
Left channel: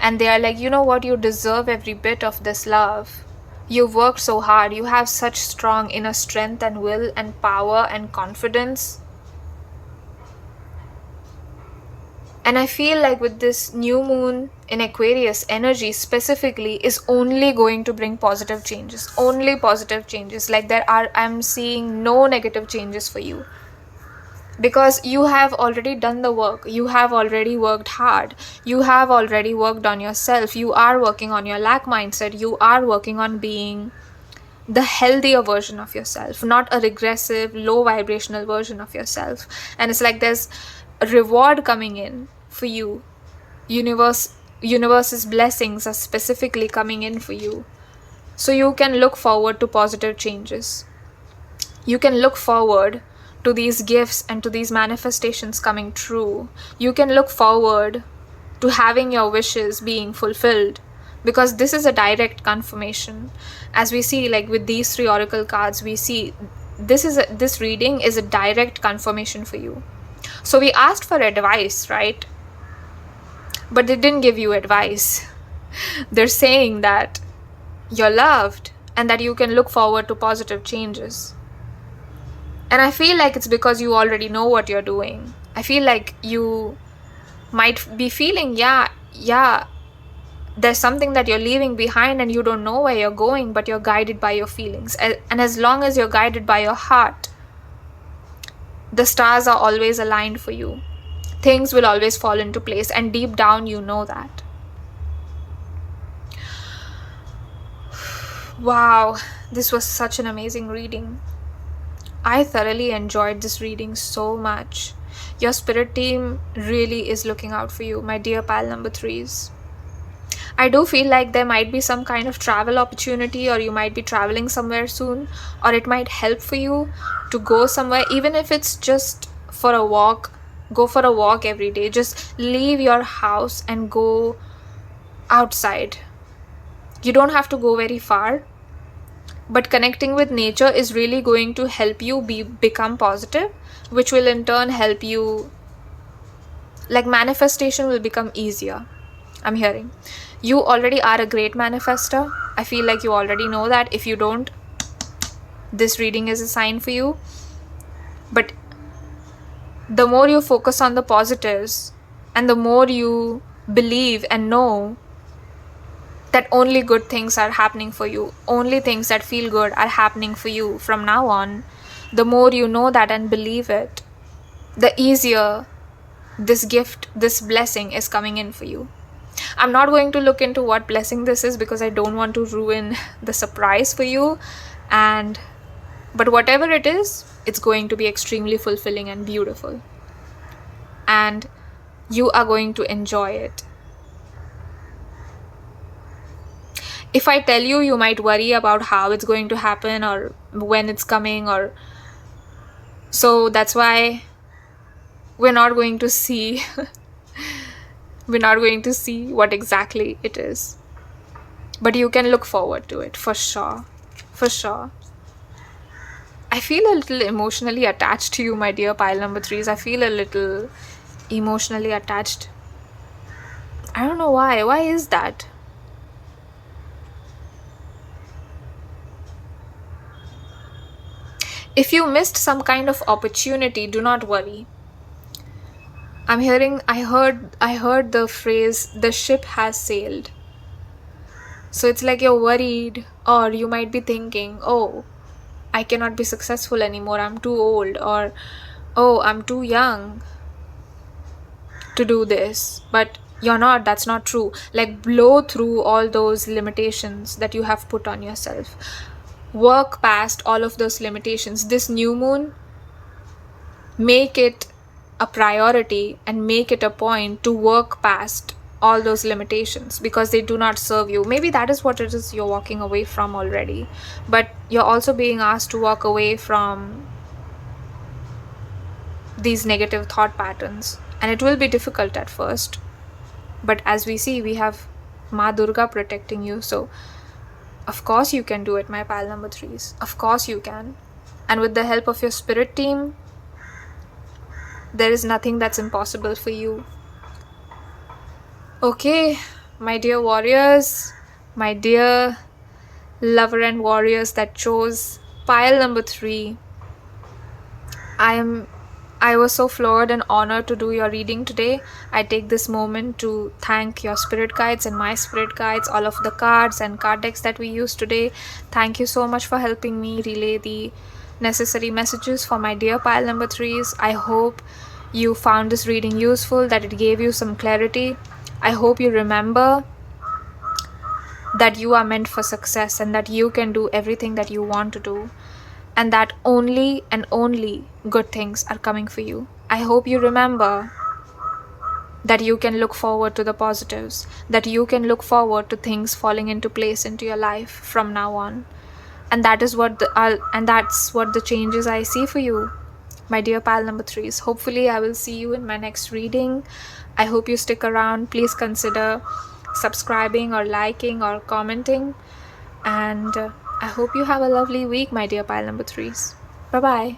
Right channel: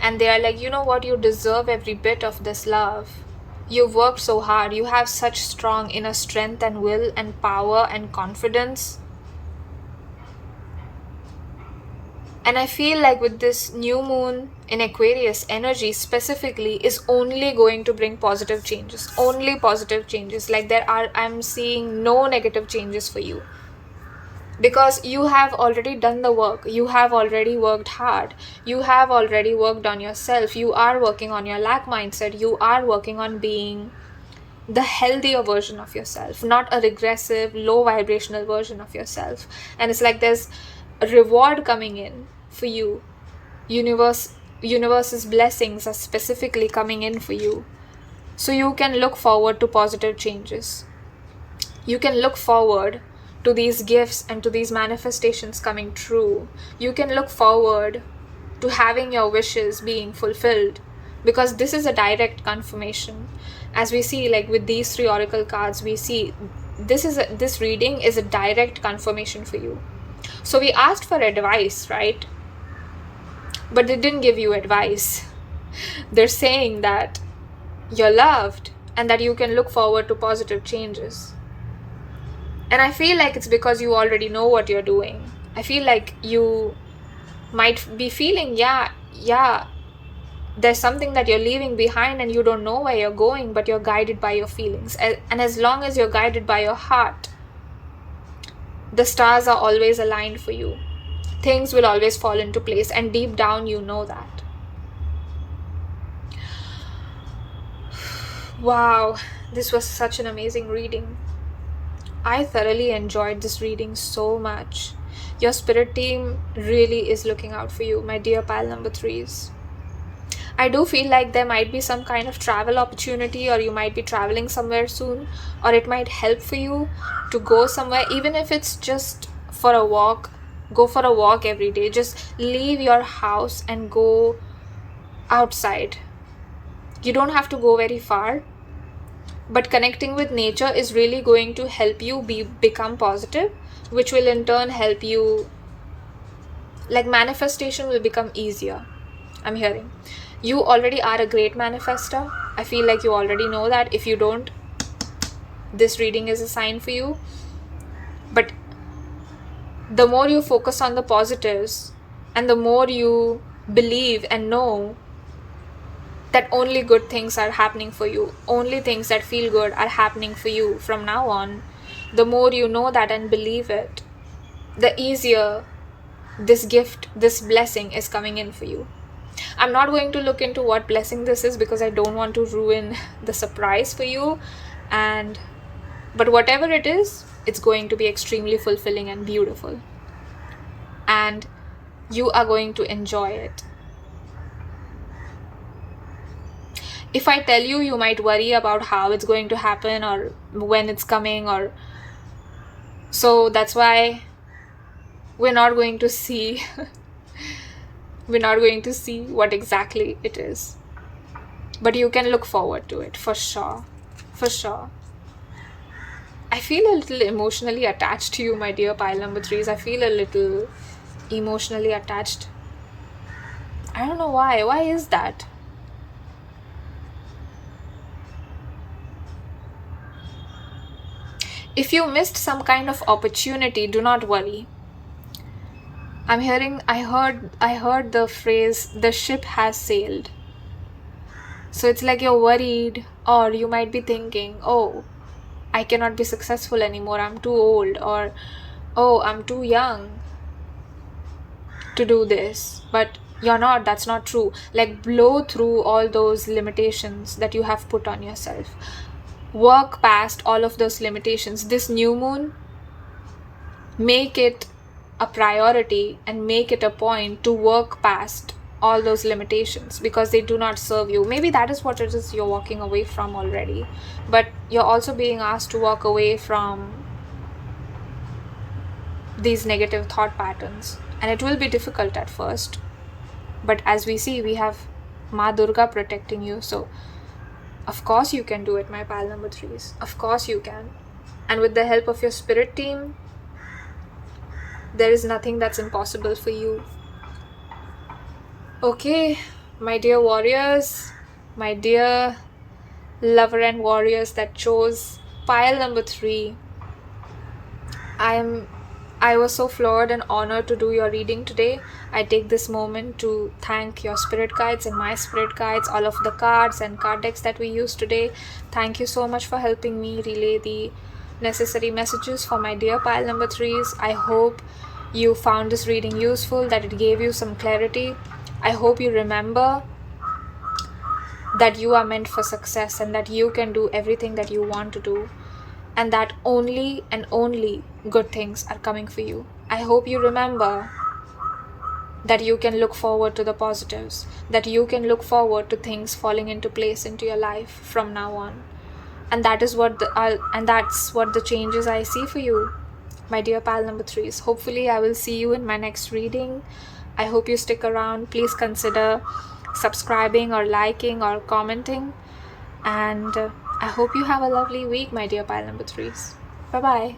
And they are like, you know what, you deserve every bit of this love. You've worked so hard. You have such strong inner strength and will and power and confidence. And I feel like with this new moon in Aquarius, energy specifically is only going to bring positive changes. Only positive changes. Like I'm seeing no negative changes for you. Because you have already done the work. You have already worked hard. You have already worked on yourself. You are working on your lack mindset. You are working on being the healthier version of yourself, not a regressive, low vibrational version of yourself. And it's like there's a reward coming in for you. Universe's blessings are specifically coming in for you. So you can look forward to positive changes. You can look forward to these gifts and to these manifestations coming true. You can look forward to having your wishes being fulfilled, because this is a direct confirmation. As we see, like with these 3 oracle cards, we see this reading is a direct confirmation for you. So we asked for advice, right? But they didn't give you advice. They're saying that you're loved and that you can look forward to positive changes. And I feel like it's because you already know what you're doing. I feel like you might be feeling, yeah, there's something that you're leaving behind and you don't know where you're going, but you're guided by your feelings. And as long as you're guided by your heart, the stars are always aligned for you. Things will always fall into place, and deep down you know that. Wow, this was such an amazing reading. I thoroughly enjoyed this reading so much. Your spirit team really is looking out for you, my dear pile number 3s. I do feel like there might be some kind of travel opportunity, or you might be traveling somewhere soon, or it might help for you to go somewhere, even if it's just for a walk. Go for a walk every day. Just leave your house and go outside. You don't have to go very far, but connecting with nature is really going to help you become positive, which will in turn help you, like manifestation will become easier. I'm hearing you already are a great manifester. I feel like you already know that. If you don't, this reading is a sign for you. But the more you focus on the positives, and the more you believe and know that only good things are happening for you, only things that feel good are happening for you from now on, the more you know that and believe it, the easier this gift, this blessing is coming in for you. I'm not going to look into what blessing this is, because I don't want to ruin the surprise for you. But whatever it is, it's going to be extremely fulfilling and beautiful. And you are going to enjoy it. If I tell you, you might worry about how it's going to happen or when it's coming, or so that's why we're not going to see we're not going to see what exactly it is. But you can look forward to it for sure. For sure. I feel a little emotionally attached to you, my dear pile number 3s. I feel a little emotionally attached. I don't know why. Why is that? If you missed some kind of opportunity, do not worry. I heard the phrase, the ship has sailed. So it's like you're worried, or you might be thinking, oh, I cannot be successful anymore, I'm too old, or oh, I'm too young to do this. But you're not. That's not true. Like, blow through all those limitations that you have put on yourself. Work past all of those limitations. This new moon, make it a priority and make it a point to work past all those limitations, because they do not serve you. Maybe that is what it is you're walking away from already, but you're also being asked to walk away from these negative thought patterns. And it will be difficult at first, but as we see, we have Ma Durga protecting you. So of course you can do it, my pile number 3s. Of course you can. And with the help of your spirit team, there is nothing that's impossible for you. Okay, my dear warriors, my dear lover and warriors that chose pile number 3, I was so floored and honored to do your reading today. I take this moment to thank your spirit guides and my spirit guides, all of the cards and card decks that we used today. Thank you so much for helping me relay the necessary messages for my dear pile number 3s. I hope you found this reading useful, that it gave you some clarity. I hope you remember that you are meant for success and that you can do everything that you want to do, and that only and only good things are coming for you. I hope you remember that you can look forward to the positives, that you can look forward to things falling into place into your life from now on. And that's what the changes I see for you, my dear pile number 3s. Hopefully I will see you in my next reading. I hope you stick around. Please consider subscribing or liking or commenting. And I hope you have a lovely week, my dear pile number 3s. Bye-bye.